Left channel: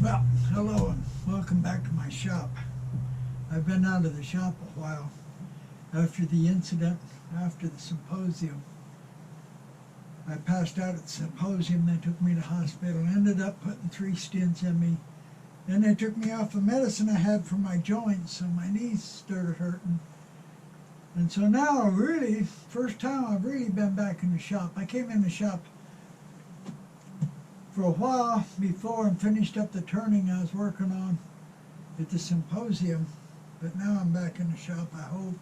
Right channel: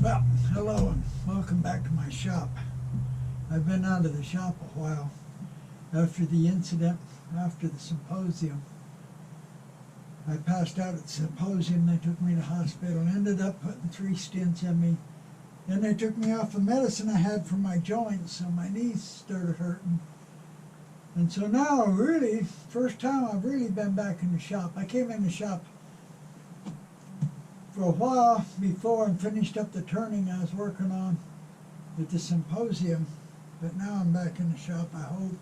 Well, hello and welcome back to my shop. I've been out of the shop a while. After the incident, after the symposium, I passed out at the symposium. They took me to hospital, ended up putting 3 stents in me. Then they took me off the medicine I had for my joints, so my knees started hurting. And so now, really, first time I've really been back in the shop. I came in the shop for a while before and finished up the turning I was working on at the symposium, but now I'm back in the shop, I hope.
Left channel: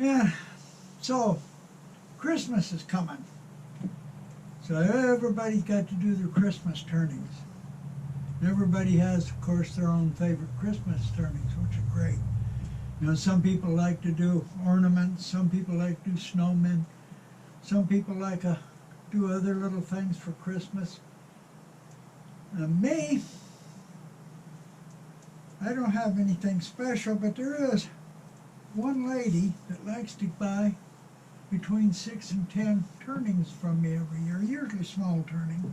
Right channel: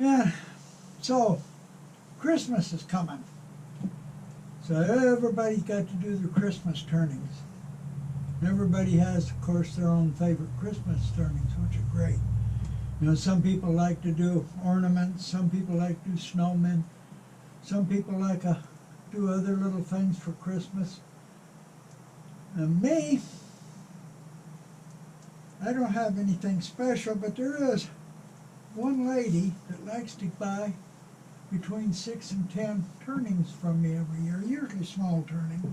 And so Christmas is coming, so everybody's got to do their Christmas turnings. Everybody has, of course, their own favorite Christmas turnings, which are great. You know, some people like to do ornaments, some people like to do snowmen, some people like to do other little things for Christmas. And me, I don't have anything special, but there is one lady that likes to buy between 6 and 10 turnings from me every year, usually small turning,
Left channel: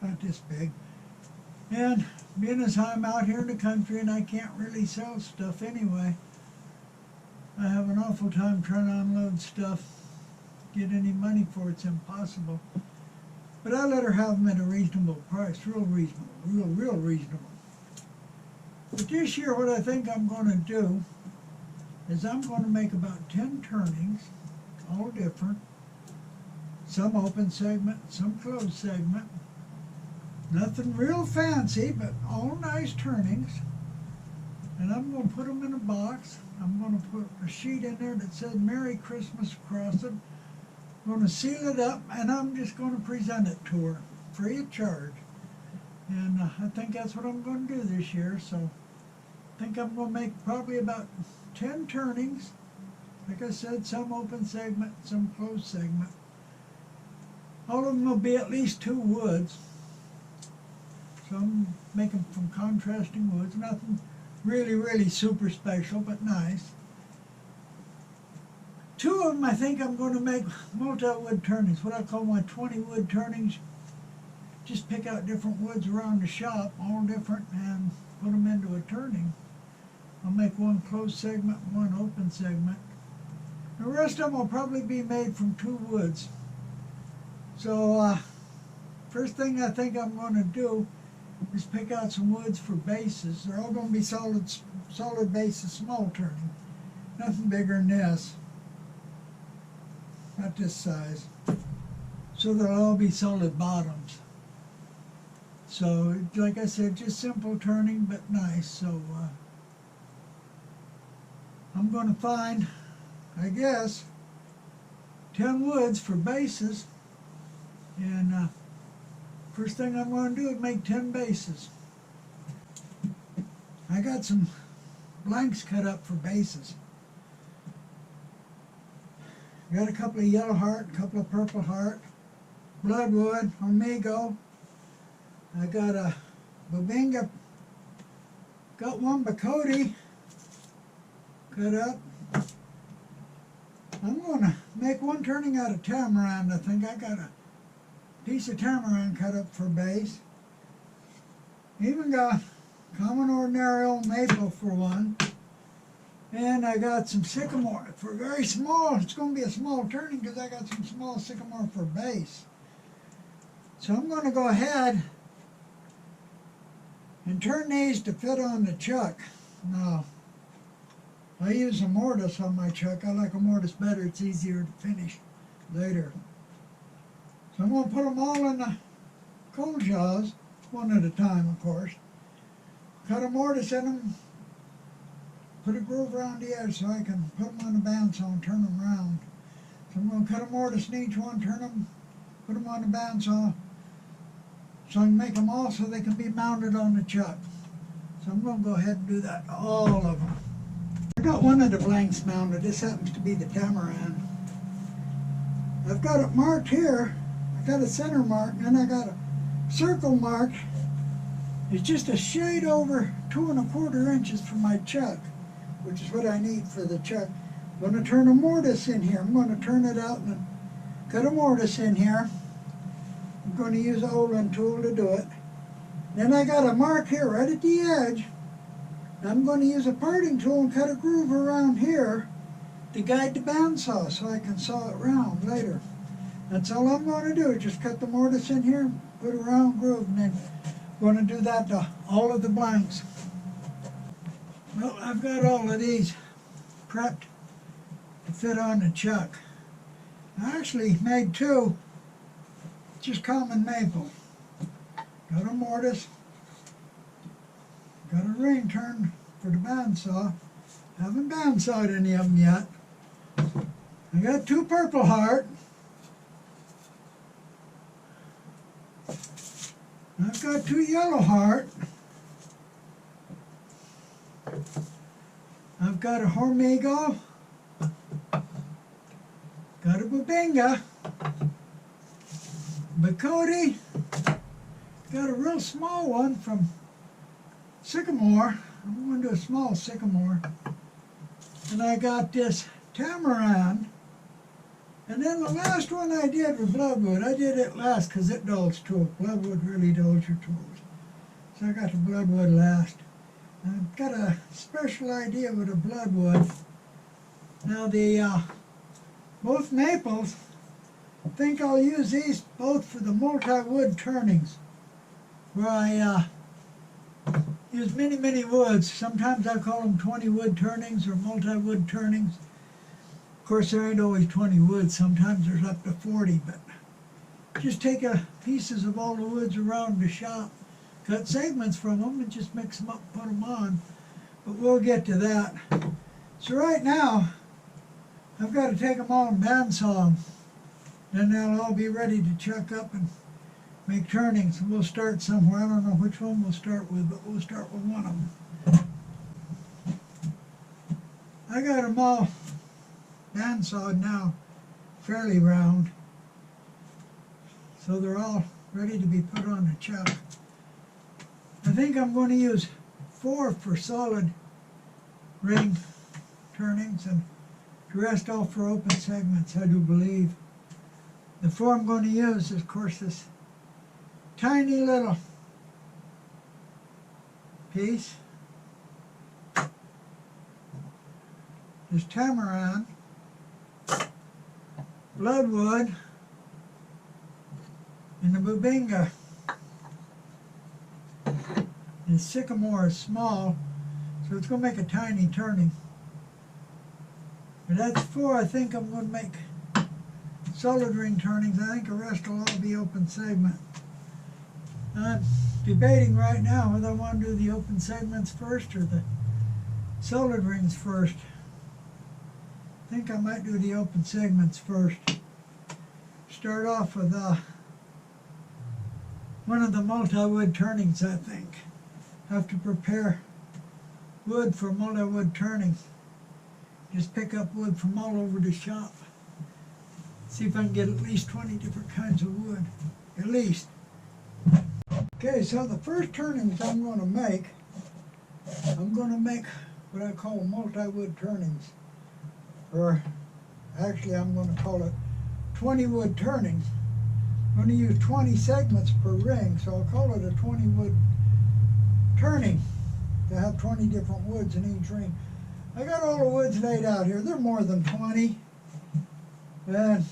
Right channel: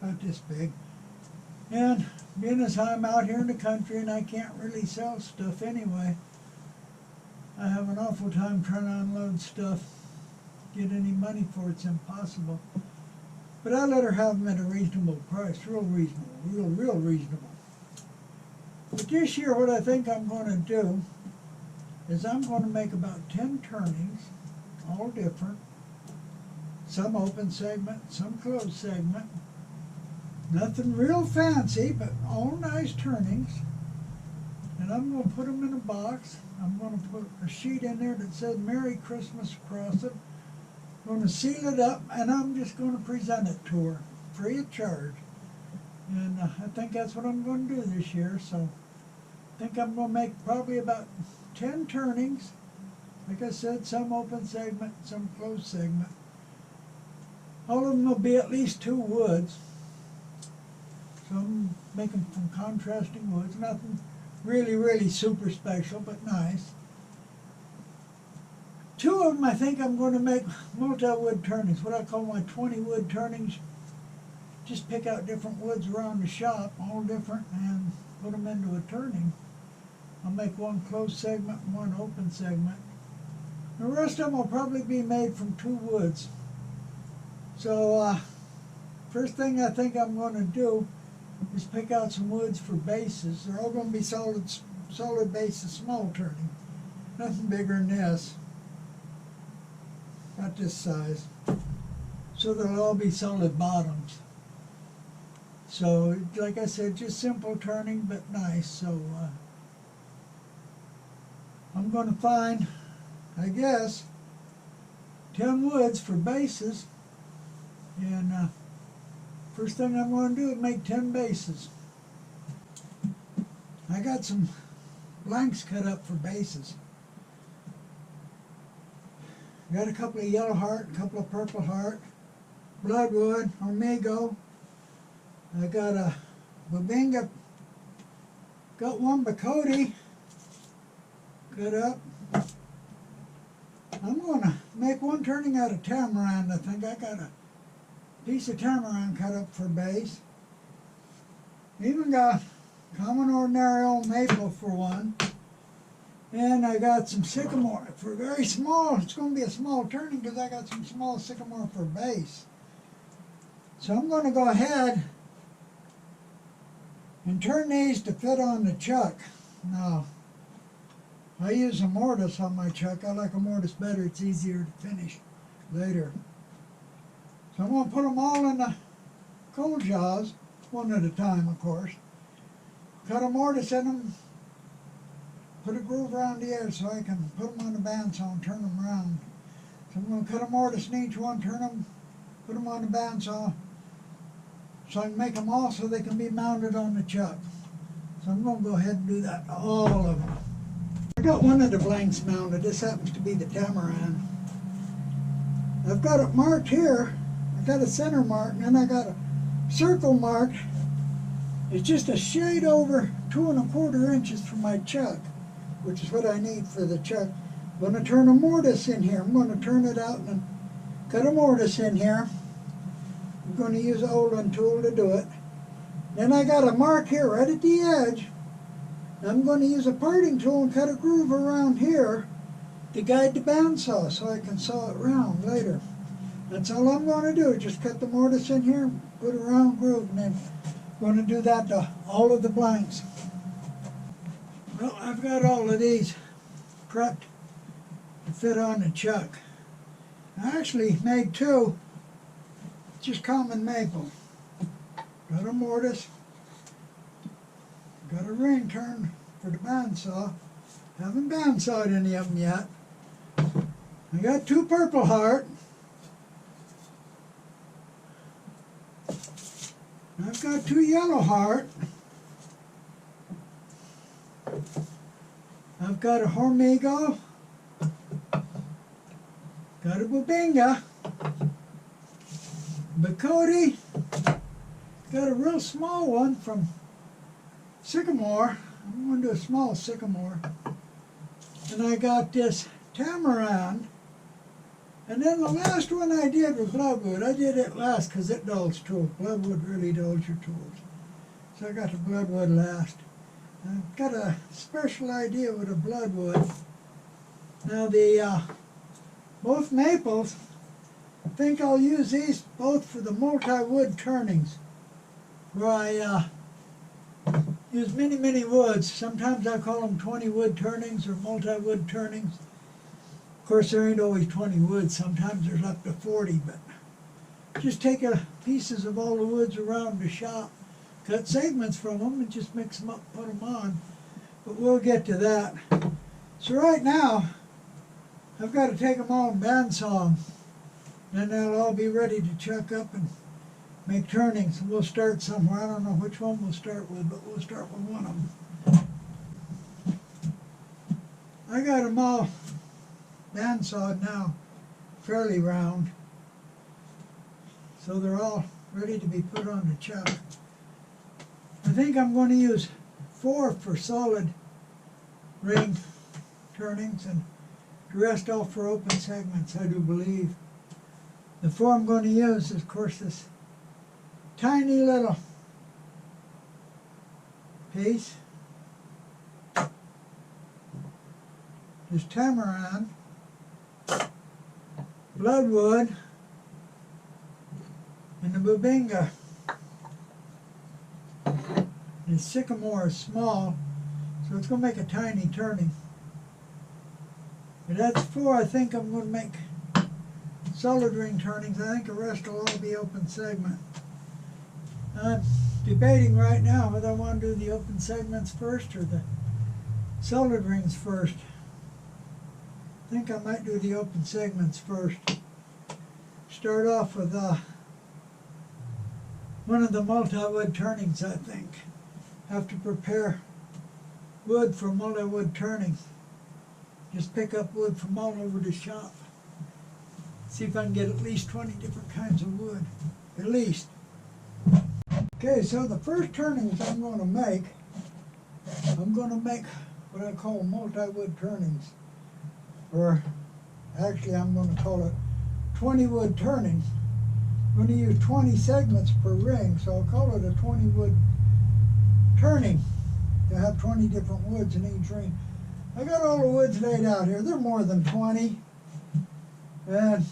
not this big. And being as I'm out here in the country and I can't really sell stuff anyway, I have an awful time trying to unload stuff. Get any money for it's impossible. But I let her have them at a reasonable price, real reasonable, real reasonable. But this year what I think I'm going to do is I'm going to make about 10 turnings, all different. Some open segment, some closed segment. Nothing real fancy, but all nice turnings. And I'm going to put them in a box. I'm going to put a sheet in there that says Merry Christmas across it. I'm going to seal it up, and I'm just going to present it to her, free of charge. And I think that's what I'm going to do this year. So I think I'm going to make probably about 10 turnings. Like I said, some open segment, some closed segment. All of them will be at least 2 woods. So I'm making from contrasting woods. Nothing really super special, but nice. 2 of them I think I'm going to make multi-wood turnings, what I call my 20-wood turnings. Just pick out different woods around the shop, all different, and put them into a turning. I'll make 1 closed segment and 1 open segment. The rest of them will probably be made from 2 woods. So first thing I think I'm going to do is pick out some woods for bases. They're all going to be solid bases, small turning. Nothing bigger than this. Not this size. So they'll all be solid bottoms. So, like I said, just simple turning, but nice. So, I'm going to find, I guess, 10 woods for bases. And first thing I'm going to do is make 10 bases. I got some blanks cut up for bases. Got a couple of yellow heart, a couple of purple heart, bloodwood, amigo. I got a bobinga, got 1 bacote cut up. I'm going to make 1 turning out of tamarind. I think I got a piece of tamarind cut up for base. Even got common ordinary old maple for 1. And I got some sycamore for very small. It's going to be a small turning because I got some small sycamore for base. So I'm going to go ahead and turn these to fit on the chuck. Now, I use a mortise on my chuck. I like a mortise better. It's easier to finish later. So I'm going to put them all in the cold jaws, 1 at a time, of course. Cut a mortise in them. Put a groove around the edge so I can put them on the bandsaw and turn them around. So I'm going to cut a mortise in each one, turn them, put them on the bandsaw, so I can make them all so they can be mounted on the chuck. So I'm going to go ahead and do that, all of them. I got 1 of the blanks mounted. This happens to be the tamarind. I've got it marked here. I got a center mark, and then I got a circle mark. It's just a shade over 2 1/4 inches from my chuck, which is what I need for the chuck. I'm going to turn a mortise in here. I'm going to turn it out and cut a mortise in here. I'm going to use an Olin tool to do it. Then I got a mark here right at the edge. I'm going to use a parting tool and cut a groove around here to guide the bandsaw so I can saw it round later. That's all I'm going to do, just cut the mortise in here, put a round groove, and then I'm going to do that to all of the blanks. Well, I've got all of these prepped to fit on the chuck. I actually made two, just common maple. Got a mortise, got a ring turn for the bandsaw. Haven't bandsawed any of them yet. I got two purple heart. I've got two yellow heart. I've got a hormigo. Got a bubinga. Bacote. Got a real small one from sycamore. I'm going to do a small sycamore. And I got this tamarind. And then the last one I did was bloodwood. I did it last because it dulls tools. Bloodwood really dulls your tools. So I got the bloodwood last. I've got a special idea with the bloodwood. Now the both maples, I think I'll use these both for the multi-wood turnings, where I use many woods. Sometimes I call them 20 wood turnings or multi-wood turnings. Of course, there ain't always 20 woods. Sometimes there's up to 40, but just take pieces of all the woods around the shop, cut segments from them, and just mix them up and put them on. But we'll get to that. So right now, I've got to take them all and bandsaw them. Then they'll all be ready to chuck up and make turnings. And we'll start somewhere. I don't know which one we'll start with, but we'll start with one of them. I got them all bandsawed now, fairly round. So they're all ready to be put on the chuck. I think I'm going to use 4 for solid ring turnings and the rest all for open segments, I do believe. The 4 I'm going to use is, of course, this tiny little piece, this tamarind, bloodwood, and the bubinga. The sycamore is small, so it's going to make a tiny turning. But that's 4 I think I'm going to make solid ring turnings. I think the rest will all be open segment. I'm debating right now whether I want to do the open segments first or the solid rings first. I think I might do the open segments first. Start off with one of the multi-wood turnings, I think. Have to prepare wood for multi-wood turnings. Just pick up wood from all over the shop. See if I can get at least 20 different kinds of wood. At least. Okay, so the first turnings I'm going to make what I call multi-wood turnings. Or actually I'm going to call it 20 wood turnings. I'm going to use 20 segments per ring, so I'll call it a 20 wood turning to have 20 different woods in each ring. I got all the woods laid out here. They're more than 20. And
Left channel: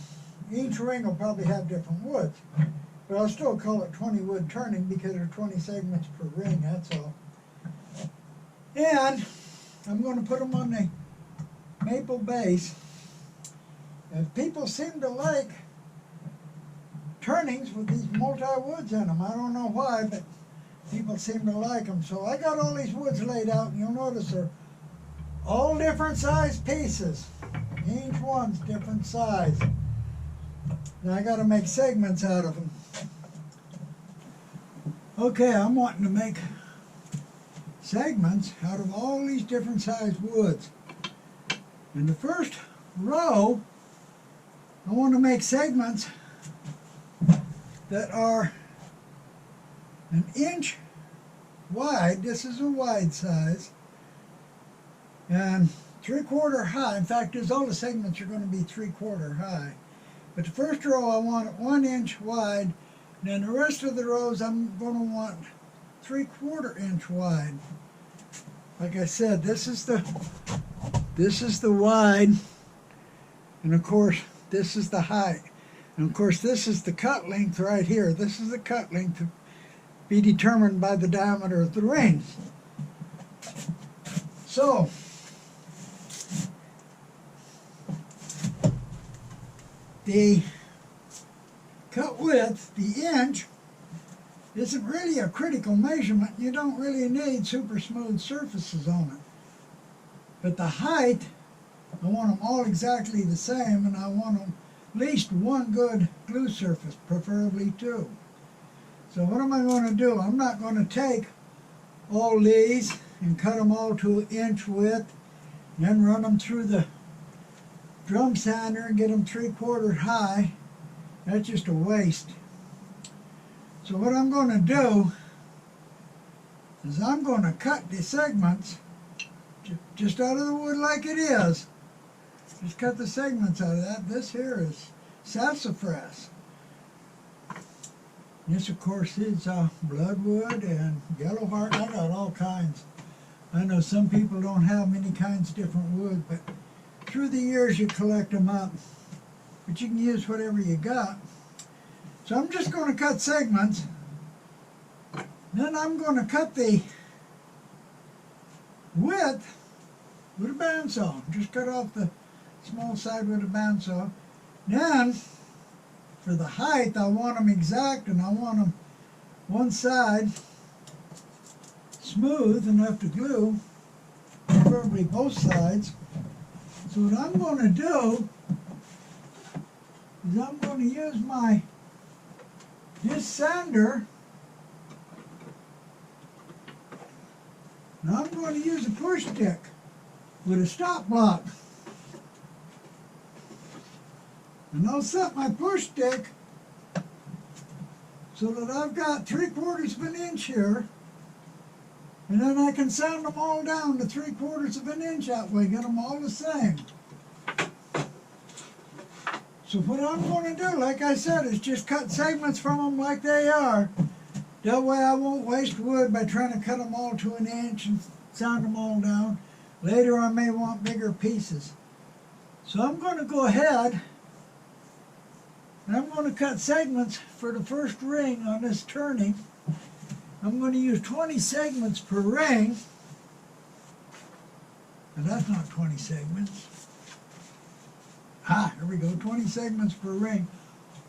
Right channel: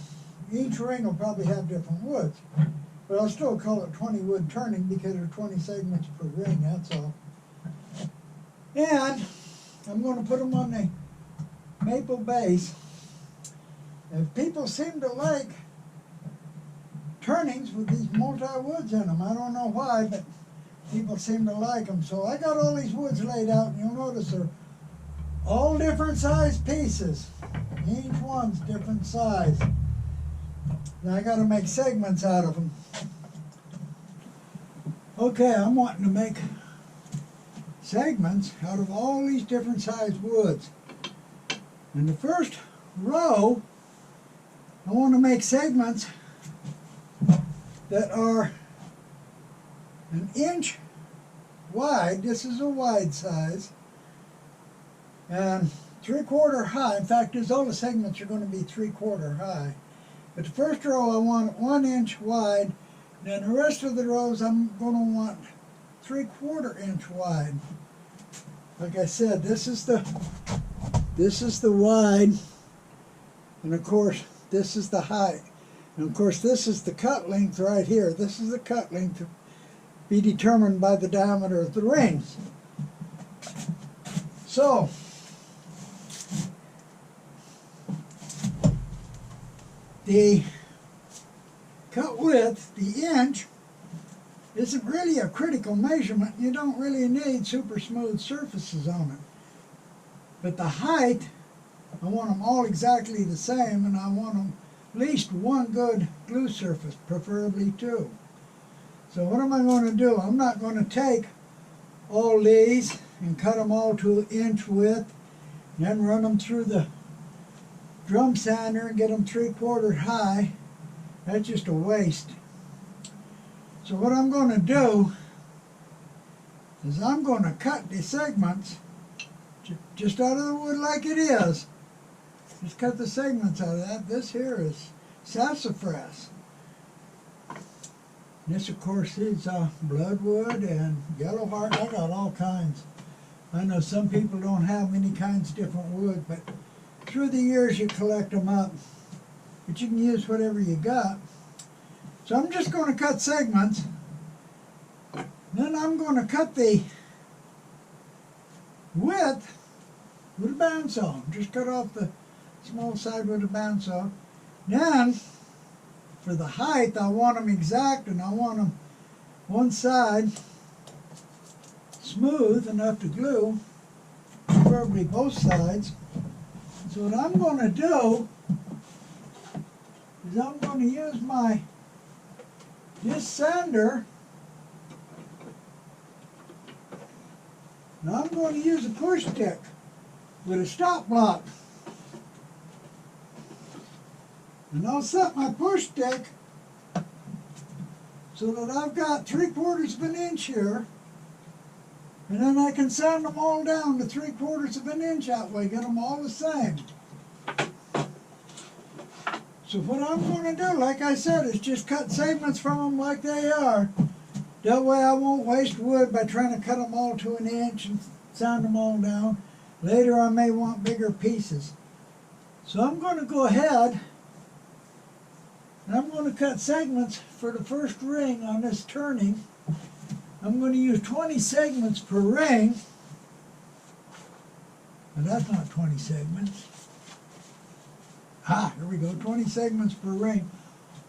each ring will probably have different woods. But I'll still call it 20 wood turning because there are 20 segments per ring, that's all. And I'm going to put them on the maple base. And people seem to like turnings with these multi-woods in them. I don't know why, but people seem to like them. So I got all these woods laid out, and you'll notice they're all different size pieces. Each one's different size. Now I got to make segments out of them. Okay, I'm wanting to make segments out of all these different size woods. In the first row, I want to make segments that are 1 inch wide. This is a wide size. And 3/4 high. In fact, all the segments are going to be 3/4 high. But the first row I want 1 inch wide. And then the rest of the rows I'm going to want 3/4 inch wide. Like I said, this is the wide, and of course this is the height. And of course this is the cut length right here. This is the cut length to be determined by the diameter of the ring. So the cut width, the inch, isn't really a critical measurement. You don't really need super smooth surfaces on it. But the height, I want them all exactly the same, and I want them at least one good glue surface, preferably two. So what am I going to do? I'm not going to take all these and cut them all to 1 inch width, and then run them through the drum sander and get them 3/4 high. That's just a waste. So what I'm going to do is I'm going to cut the segments just out of the wood like it is. Just cut the segments out of that. This here is sassafras. This, of course, is bloodwood and yellow heart. I got all kinds. I know some people don't have many kinds of different wood, but through the years you collect them up. But you can use whatever you got. So I'm just going to cut segments. Then I'm going to cut the width with a bandsaw. Just cut off the small side with a bandsaw. Then, for the height, I want them exact, and I want them one side smooth enough to glue, preferably both sides. So what I'm going to do is I'm going to use this sander, and I'm going to use a push stick with a stop block. And I'll set my push stick so that I've got 3/4 of an inch here, and then I can sand them all down to 3/4 of an inch that way, get them all the same. So what I'm going to do, like I said, is just cut segments from them like they are. That way I won't waste wood by trying to cut them all to 1 inch and sand them all down. Later I may want bigger pieces. So I'm going to go ahead and I'm going to cut segments for the first ring on this turning. I'm going to use 20 segments per ring. And that's not 20 segments. Here we go, 20 segments per ring.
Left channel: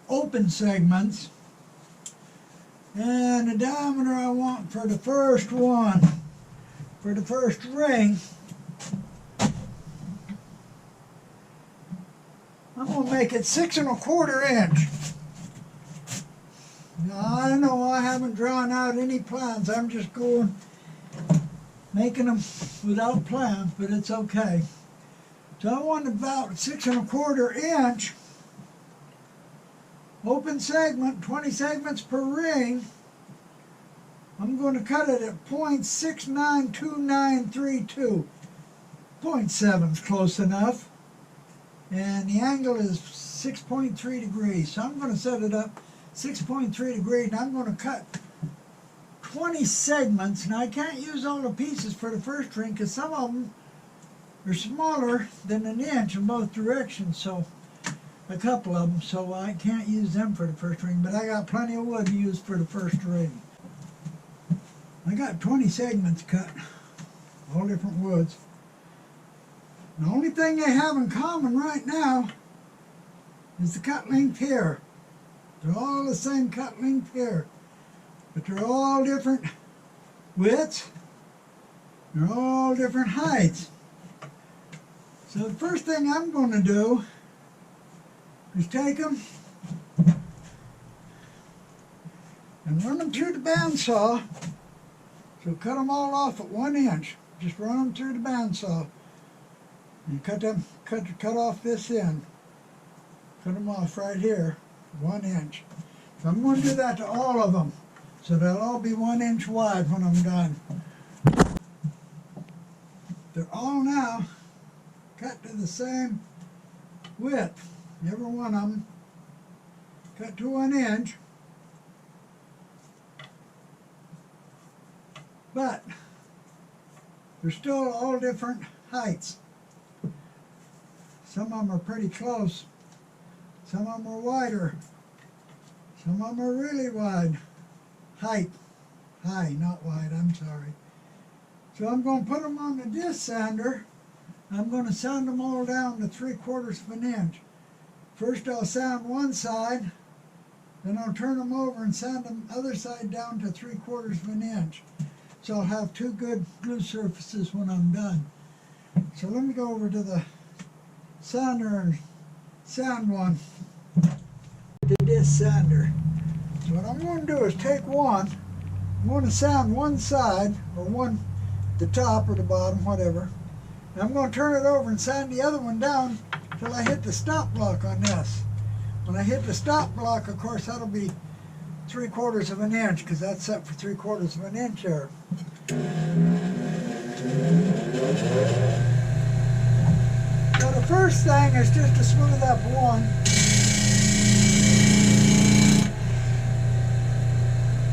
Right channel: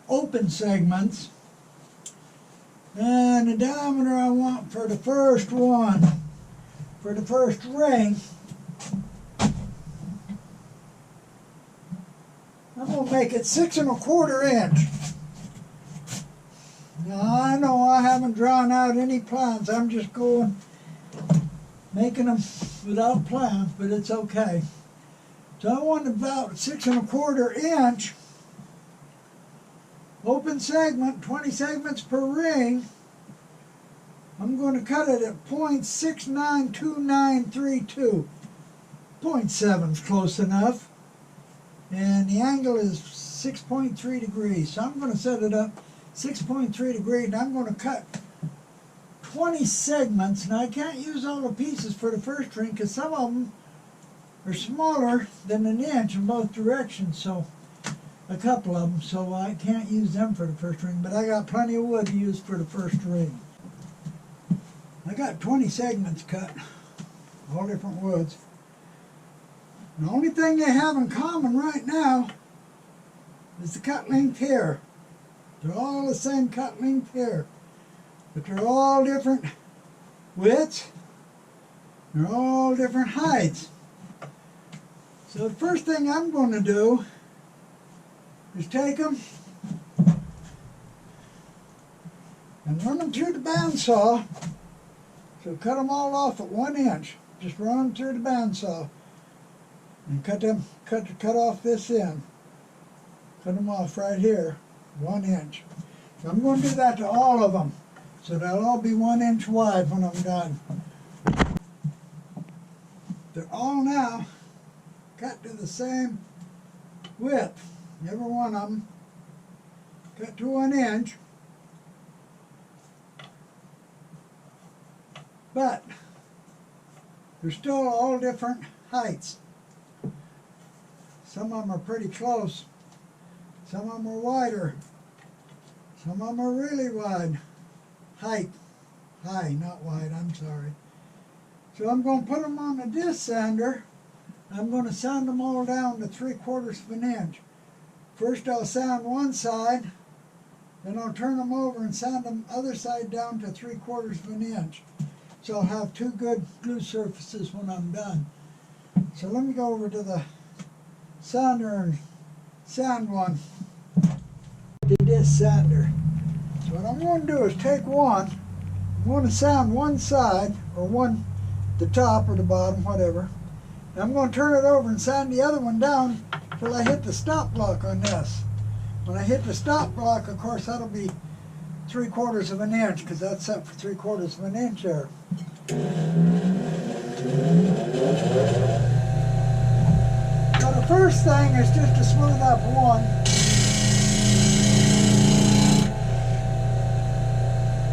Open segments. And the diameter I want for the first one, for the first ring, I'm going to make it 6 1/4 inch. Now I know I haven't drawn out any plans. I'm just making them without plans, but it's okay. So I want about 6 1/4 inch. Open segment, 20 segments per ring. I'm going to cut it at 0.692932. 0.7 is close enough. And the angle is 6.3 degrees. So I'm going to set it up 6.3 degrees, and I'm going to cut 20 segments. Now I can't use all the pieces for the first ring because some of them are smaller than 1 inch in both directions. So a couple of them, so I can't use them for the first ring, but I got plenty of wood to use for the first ring. I got 20 segments cut, all different woods. The only thing they have in common right now is the cut length here. They're all the same cut length here, but they're all different widths. They're all different heights. So the first thing I'm going to do is take them and run them through the bandsaw. So cut them all off at 1 inch. Just run them through the bandsaw and cut off this end. Cut them off right here, 1 inch. So I'm going to do that to all of them. So they'll all be 1 inch wide when I'm done. They're all now cut to the same width. Every one of them cut to 1 inch. but they're still all different heights. Some of them are pretty close. Some of them are wider. Some of them are really wide. High, not wide, I'm sorry. So I'm going to put them on the disc sander. I'm going to sand them all down to 3/4 of an inch. First I'll sand one side, then I'll turn them over and sand the other side down to 3/4 of an inch. So I'll have two good glue surfaces when I'm done. So let me go over to the sander and sand one. The disc sander. So what I'm going to do is take one. I'm going to sand one side, or one, the top or the bottom, whatever. And I'm going to turn it over and sand the other one down till I hit the stop block on this. When I hit the stop block, of course, that'll be 3/4 of an inch, because that's set for 3/4 of an inch there. So the first thing is just to smooth up one.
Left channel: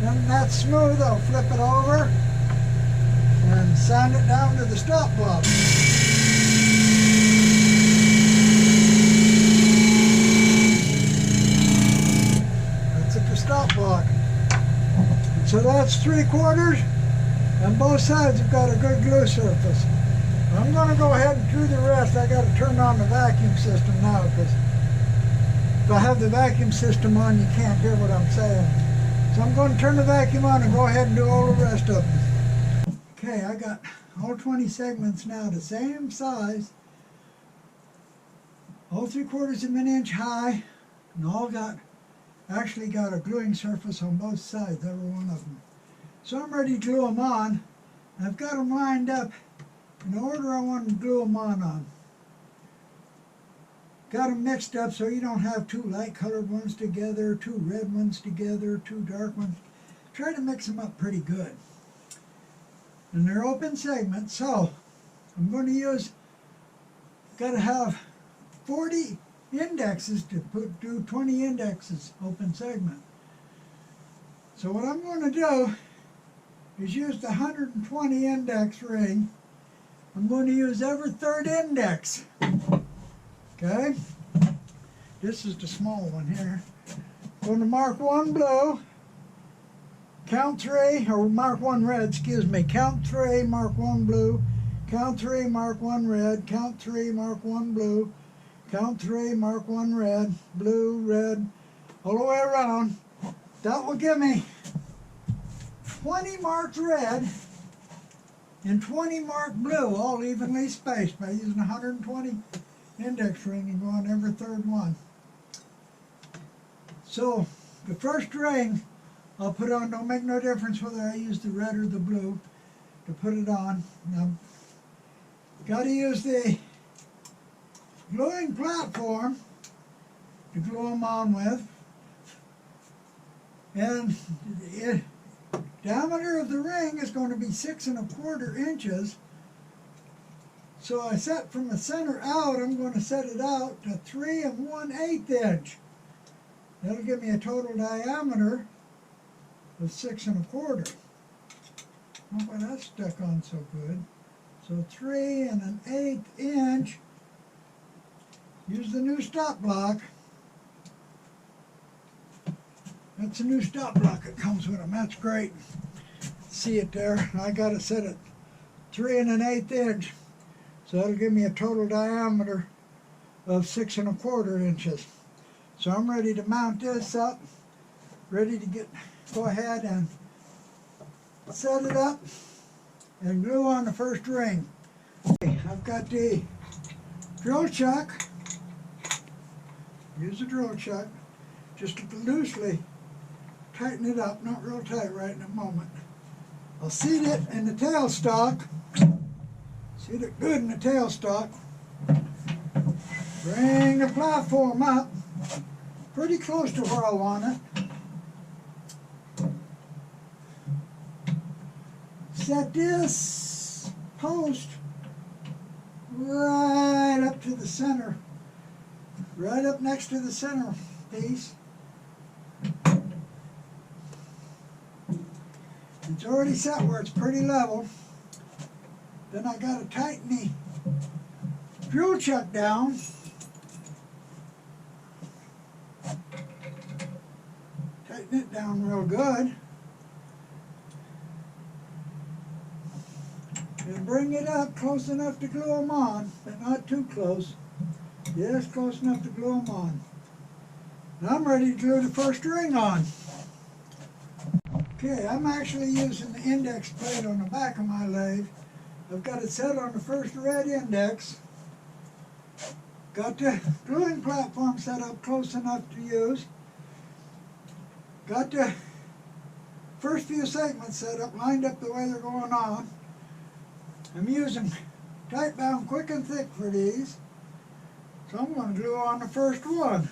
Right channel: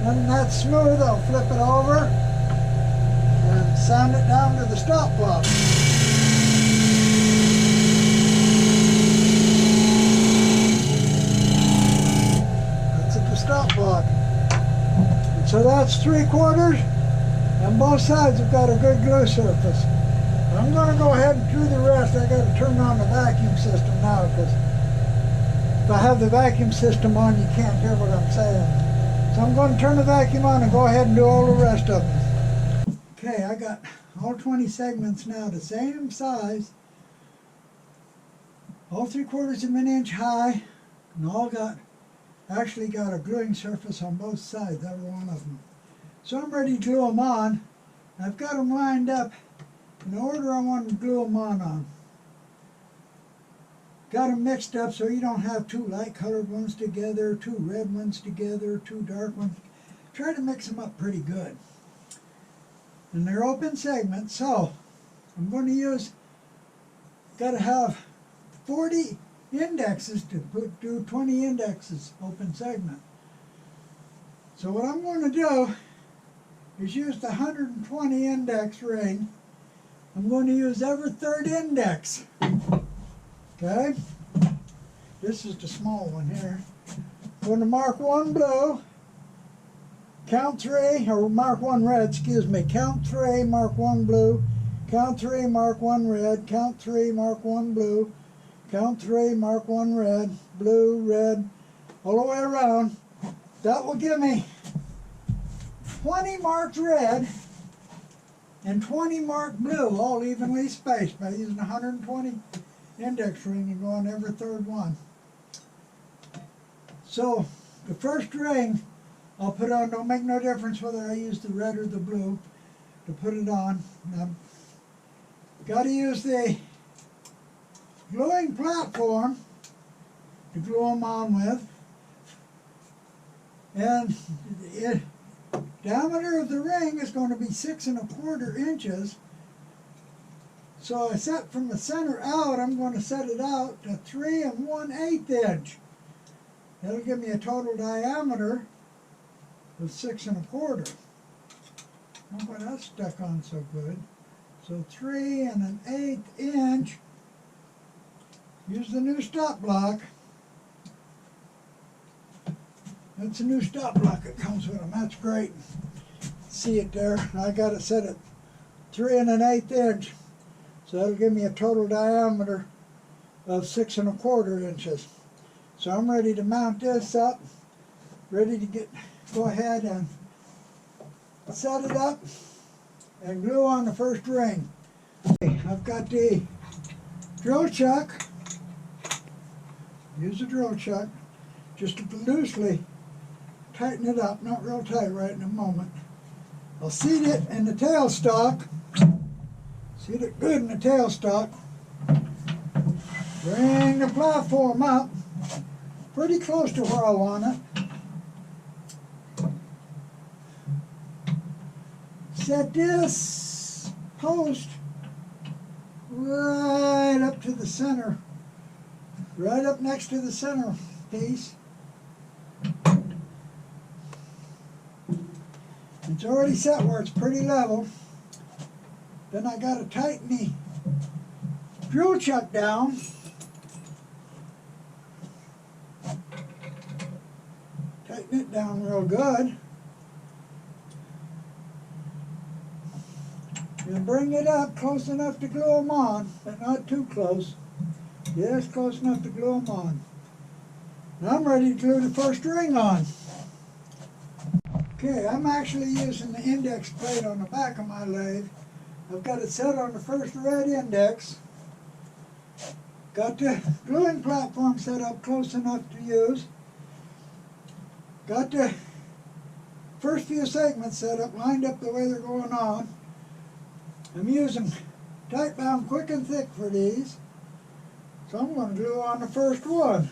When that's smooth, I'll flip it over and sand it down to the stop block. That's at the stop block. And so that's 3/4, and both sides have got a good glue surface. I'm going to go ahead and do the rest. I got to turn on the vacuum system now, because if I have the vacuum system on, you can't hear what I'm saying. So I'm going to turn the vacuum on and go ahead and do all the rest of them. Okay, I got all 20 segments now the same size, all 3/4 of an inch high, and all actually got a gluing surface on both sides, every one of them. So I'm ready to glue them on. I've got them lined up in the order I want to glue them on. Got them mixed up so you don't have two light colored ones together, two red ones together, two dark ones. Try to mix them up pretty good. And they're open segments, so I'm going to use, got to have 40 indexes to do 20 indexes open segment. So what I'm going to do is use the 120 index ring. I'm going to use every third index. Okay, this is the small one here. Going to mark one blue, count three, or mark one red, excuse me. Count three, mark one blue, count three, mark one red, count three, mark one blue, count three, mark one red, blue, red, all the way around. That will give me 20 marked red and 20 marked blue, all evenly spaced by using 120 index ring and go on every third one. So the first ring I'll put on, don't make no difference whether I use the red or the blue to put it on. Now, got to use the gluing platform to glue them on with, and the diameter of the ring is going to be 6 1/4 inches. So I set from the center out, I'm going to set it out to 3 1/8 inch. That'll give me a total diameter of 6 1/4. Oh, boy, that's stuck on so good. So 3 1/8 inch. Use the new stop block. That's a new stop block that comes with them. That's great. See it there? I got it set at 3 1/8 inch. So that'll give me a total diameter of 6 1/4 inches. So I'm ready to mount this up, ready to go ahead and set it up and glue on the first ring. Okay, I've got the drill chuck. Use the drill chuck just to loosely tighten it up, not real tight right in a moment. I'll seat it in the tailstock. Seat it good in the tailstock. Bring the platform up pretty close to where I want it. Set this post right up to the center, right up next to the center piece. It's already set where it's pretty level. Then I got to tighten the drill chuck down. Tighten it down real good. And bring it up close enough to glue them on, but not too close. Just close enough to glue them on. Now I'm ready to glue the first ring on. Okay, I'm actually using the index plate on the back of my lathe. I've got it set on the first red index. Got the gluing platform set up close enough to use. Got the first few segments set up, lined up the way they're going on. I'm using tight bound quick and thick for these. So I'm going to glue on the first one.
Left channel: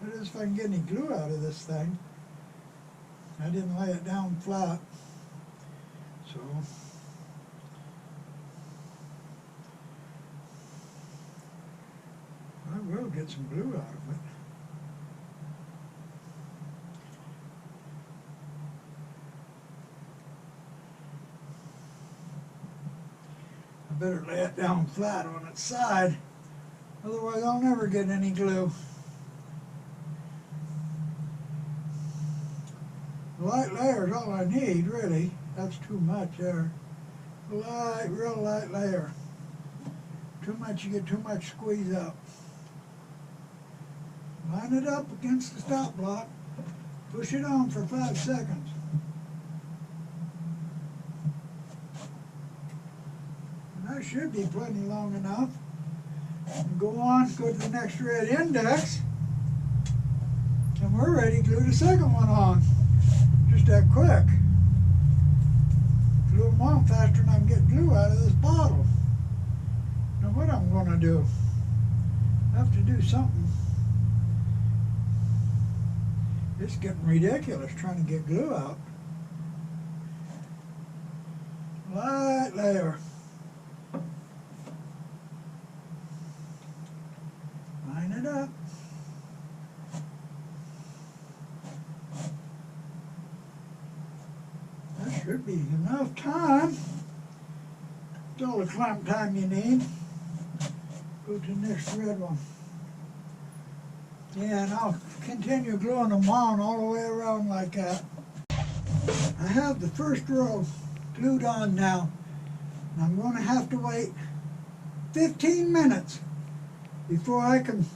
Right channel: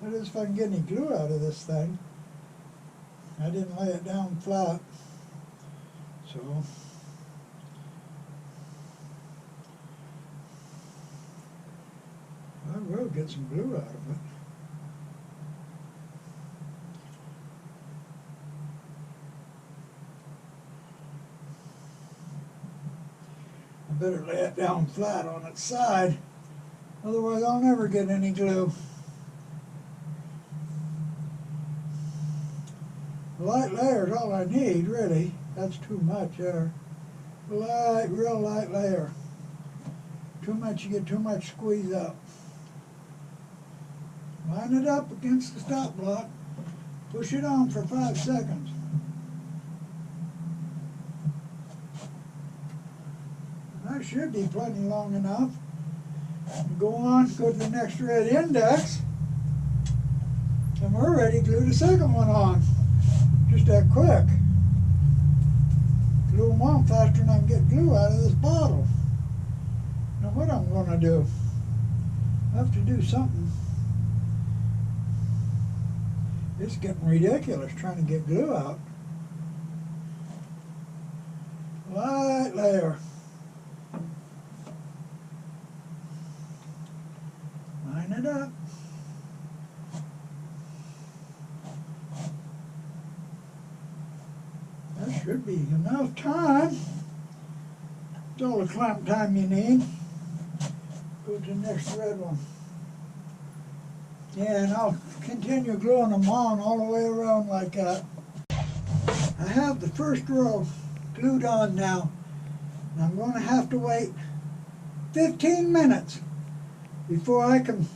That is if I can get any glue out of this thing. I didn't lay it down flat. So I will get some glue out of it. I better lay it down flat on its side, otherwise I'll never get any glue. A light layer is all I need, really. That's too much there. Light, real light layer. Too much, you get too much squeeze up. Line it up against the stop block. Push it on for 5 seconds. That should be plenty long enough. And go on, go to the next red index. And we're ready to glue the second one on. Just that quick. Glue them on faster than I can get glue out of this bottle. Now what I'm going to do, I have to do something. It's getting ridiculous trying to get glue out. Light layer. Line it up. That should be enough time. It's all the clamp time you need. Go to the next red one. Yeah, and I'll continue gluing them on all the way around like that. I have the first row glued on now. And I'm going to have to wait 15 minutes before I can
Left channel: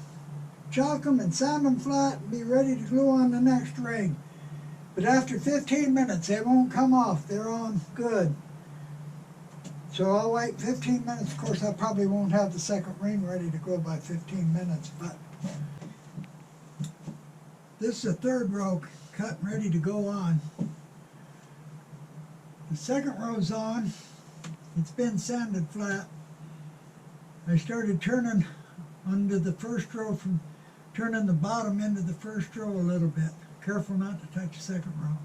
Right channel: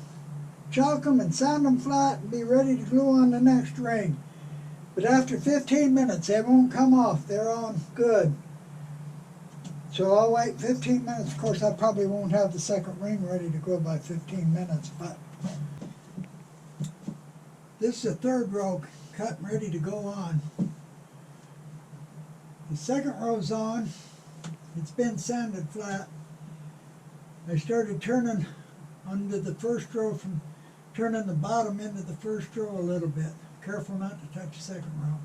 chalk them and sand them flat and be ready to glue on the next ring. But after 15 minutes, they won't come off. They're on good. So I'll wait 15 minutes. Of course, I probably won't have the second ring ready to go by 15 minutes, but this is the third row cut and ready to go on. The second row's on. It's been sanded flat. I started turning under the first row from turning the bottom into the first row a little bit. Careful not to touch the second row.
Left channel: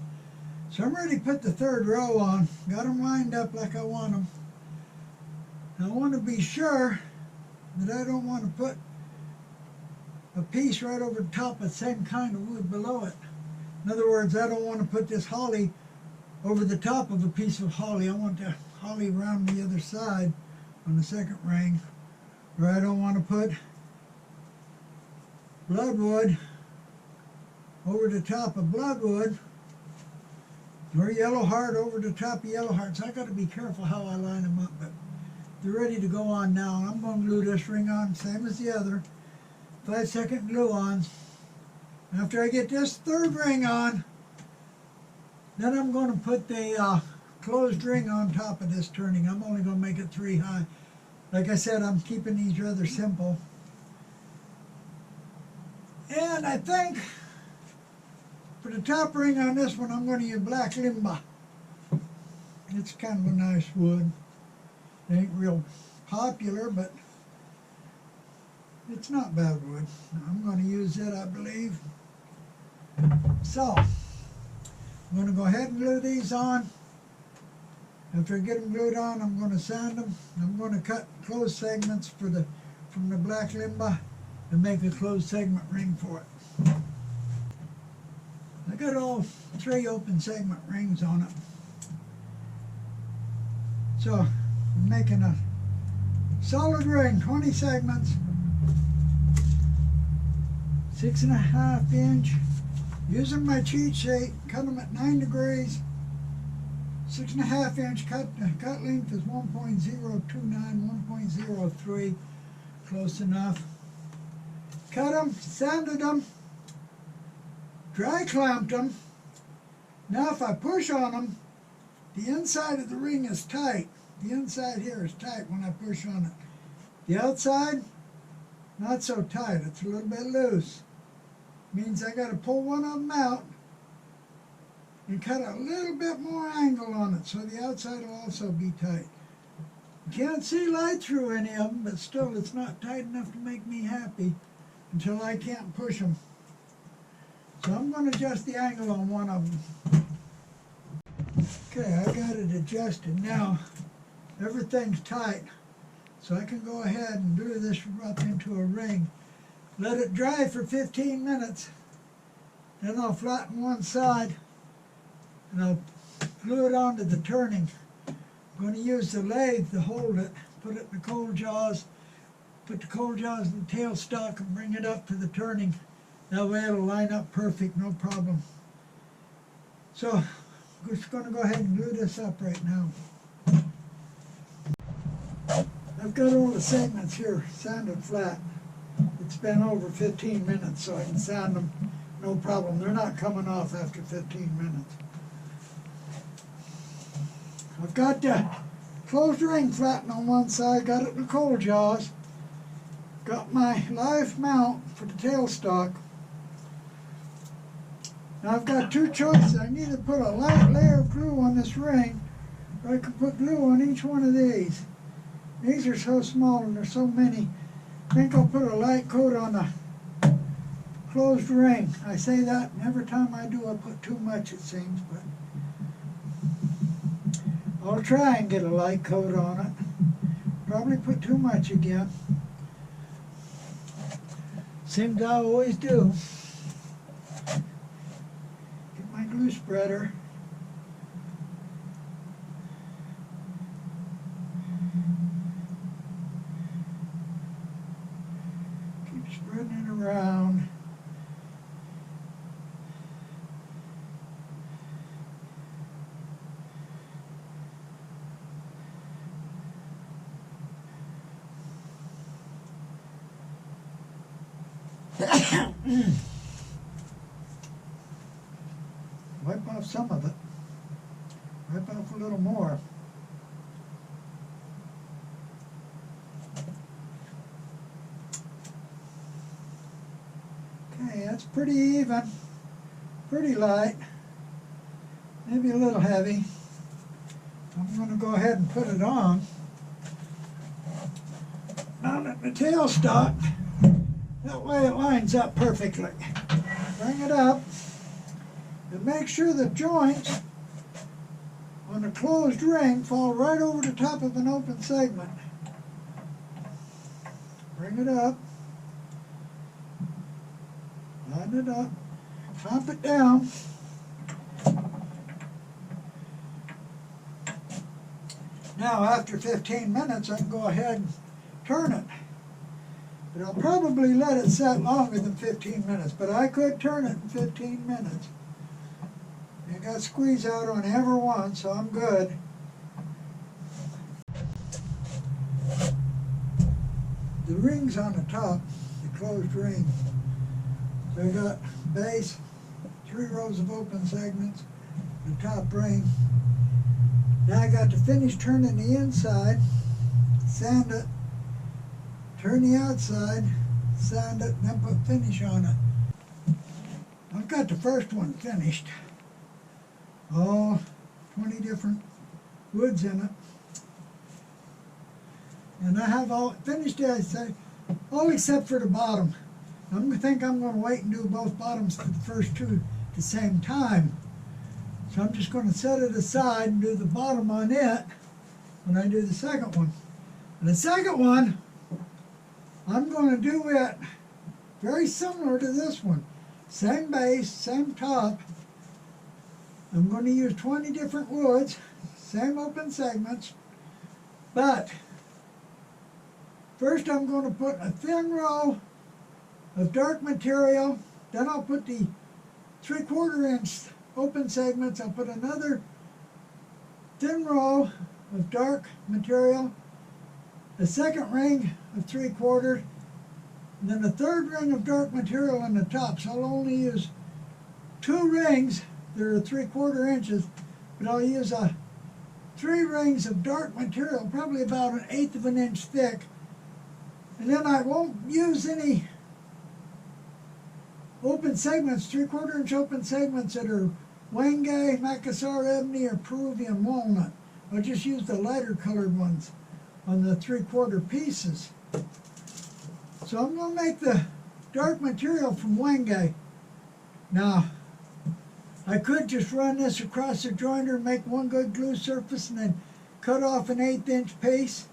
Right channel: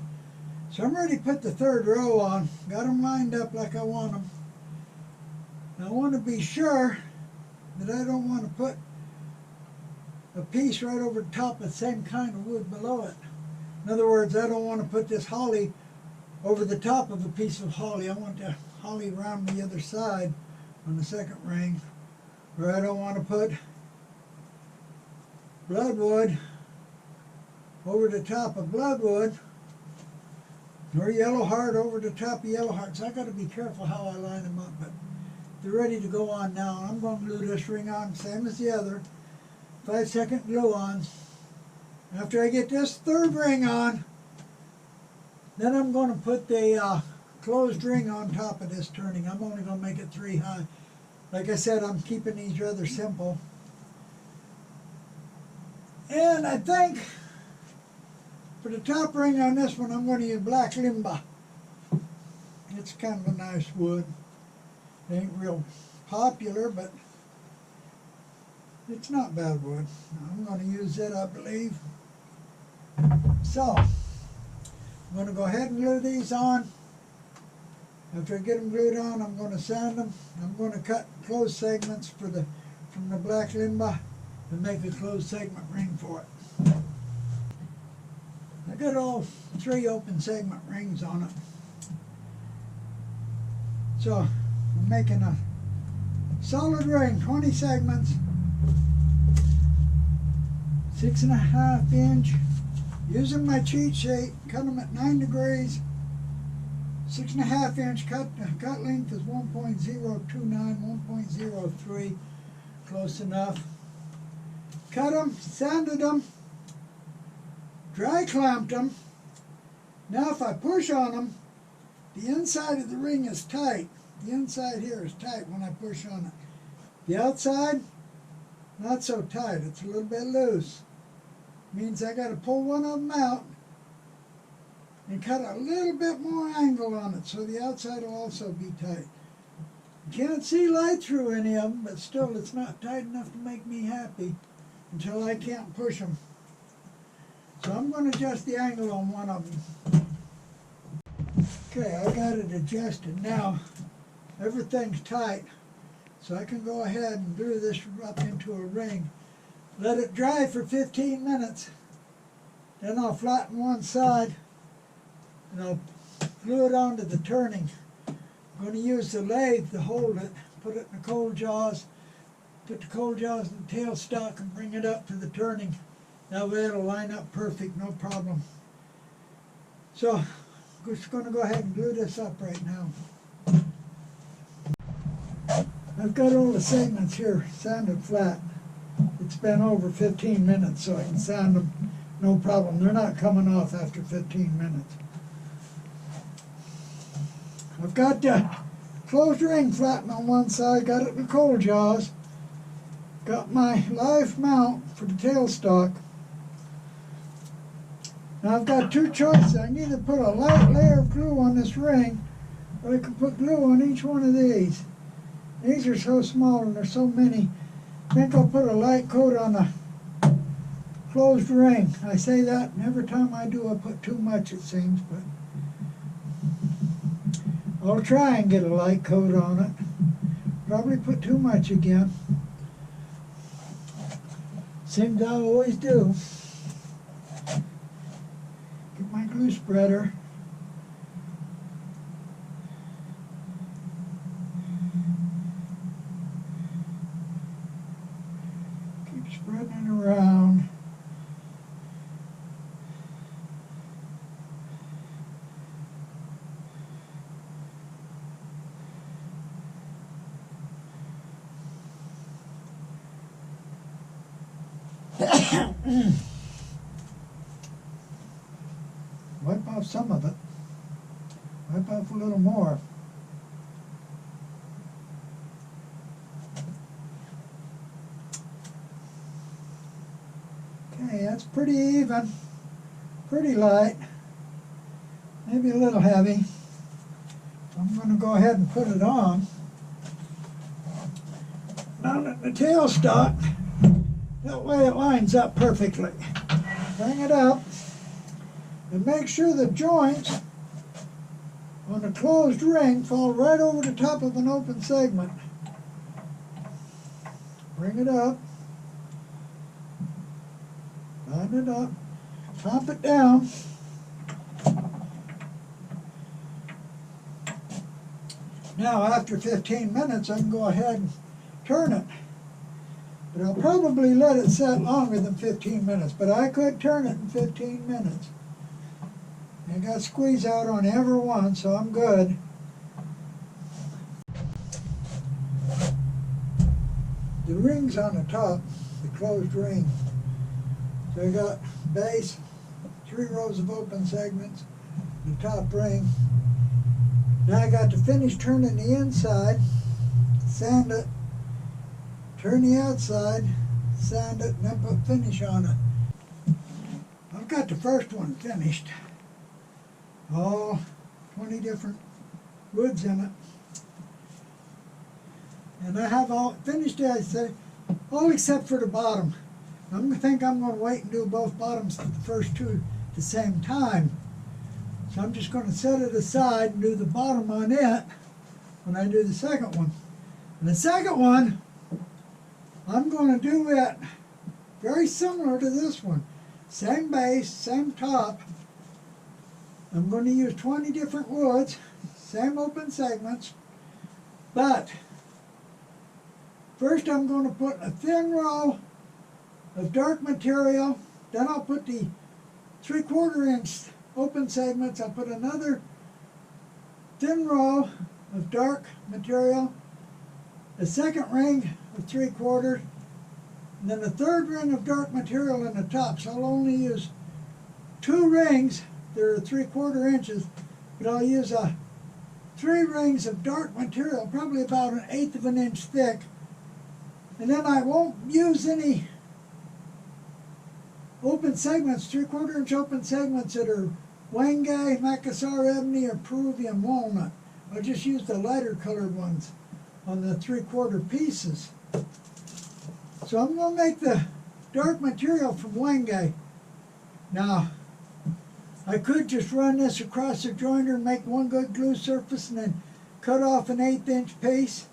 So I'm ready to put the third row on. Got them lined up like I want them. Now I want to be sure that I don't want to put a piece right over the top of the same kind of wood below it. In other words, I don't want to put this holly over the top of a piece of holly. I want the holly around the other side on the second ring. Or I don't want to put bloodwood over the top of bloodwood, or yellow heart over the top of yellow heart. So I got to be careful how I line them up, but they're ready to go on now. I'm going to glue this ring on, same as the other. 5-second glue on. After I get this third ring on, then I'm going to put the closed ring on top of this turning. I'm only going to make it 3 high. Like I said, I'm keeping these rather simple. And I think for the top ring on this one, I'm going to use black limba. It's kind of a nice wood. It ain't real popular, but it's not bad wood. I'm going to use it, I believe. So, I'm going to go ahead and glue these on. After I get them glued on, I'm going to sand them. I'm going to cut closed segments from the black limba and make a closed segment ring for it. I got all 3 open segment rings on it. So I'm making a solid ring, 20 segments, 6.5 inch. Using my cheat sheet, cut them at 9 degrees. 6.5 inch cut length is 1.029, 1.03, close enough. Cut them, sanded them, dry clamped them. Now if I push on them, the inside of the ring is tight. The inside here is tight when I push on it. The outside, not so tight. It's a little bit loose. Means I got to pull one of them out and cut a little bit more angle on it so the outside will also be tight. You can't see light through any of them, but still it's not tight enough to make me happy until I can't push them. So I'm going to adjust the angle on one of them. Okay, I got it adjusted now. Everything's tight, so I can go ahead and glue this up into a ring. Let it dry for 15 minutes. Then I'll flatten one side and I'll glue it onto the turning. I'm going to use the lathe to hold it, put it in the cold jaws, put the cold jaws in the tailstock and bring it up to the turning. That way it'll line up perfect, no problem. So I'm just going to go ahead and glue this up right now. I've got all the segments here sanded flat. It's been over 15 minutes, so I can sand them, no problem. They're not coming off after 15 minutes. I've got the closed ring flattened on one side, got it in the cold jaws, got my live mount for the tailstock. Now I've got two choices. I can either put a light layer of glue on this ring, or I can put glue on each one of these. These are so small and there's so many. I think I'll put a light coat on a closed ring. I say that, and every time I do I put too much, it seems, but I'll try and get a light coat on it. Probably put too much again. Seems I always do. Get my glue spreader. Keep spreading it around. Wipe off some of it. Wipe off a little more. Okay, that's pretty even, pretty light, maybe a little heavy. I'm going to go ahead and put it on. Mount it in the tailstock. That way it lines up perfectly. Bring it up and make sure the joints on a closed ring fall right over the top of an open segment. Bring it up. Line it up, clamp it down. Now after 15 minutes I can go ahead and turn it. But I'll probably let it set longer than 15 minutes, but I could turn it in 15 minutes. I got squeeze out on every one, so I'm good. The ring's on the top, the closed ring. So I got base, 3 rows of open segments, the top ring. Now I got to finish turning the inside, sand it, turn the outside, sand it, and then put finish on it. I've got the first one finished. All 20 different woods in it. And I have all finished it, I say, all except for the bottom. I think I'm going to wait and do both bottoms for the first two at the same time. So I'm just going to set it aside and do the bottom on it when I do the second one. And the second one, I'm going to do it very similar to this one. Same base, same top. I'm going to use 20 different woods, same open segments, But first I'm going to put a thin row of dark material. Then I'll put the 3/4 inch open segments. I'll put another thin row of dark material, a second ring of 3/4, and then a third ring of dark material in the top. So I'll only use 2 rings. They're 3/4 inches, but I'll use 3 rings of dark material, probably about 1/8 of an inch thick. And then I won't use any open segments, 3/4 inch open segments that are Wenge, Macassar ebony, or Peruvian walnut. I'll just use the lighter colored ones on the 3/4 pieces. So I'm going to make the dark material from Wenge. Now, I could just run this across the jointer and make one good glue surface and then cut off an 1/8 inch piece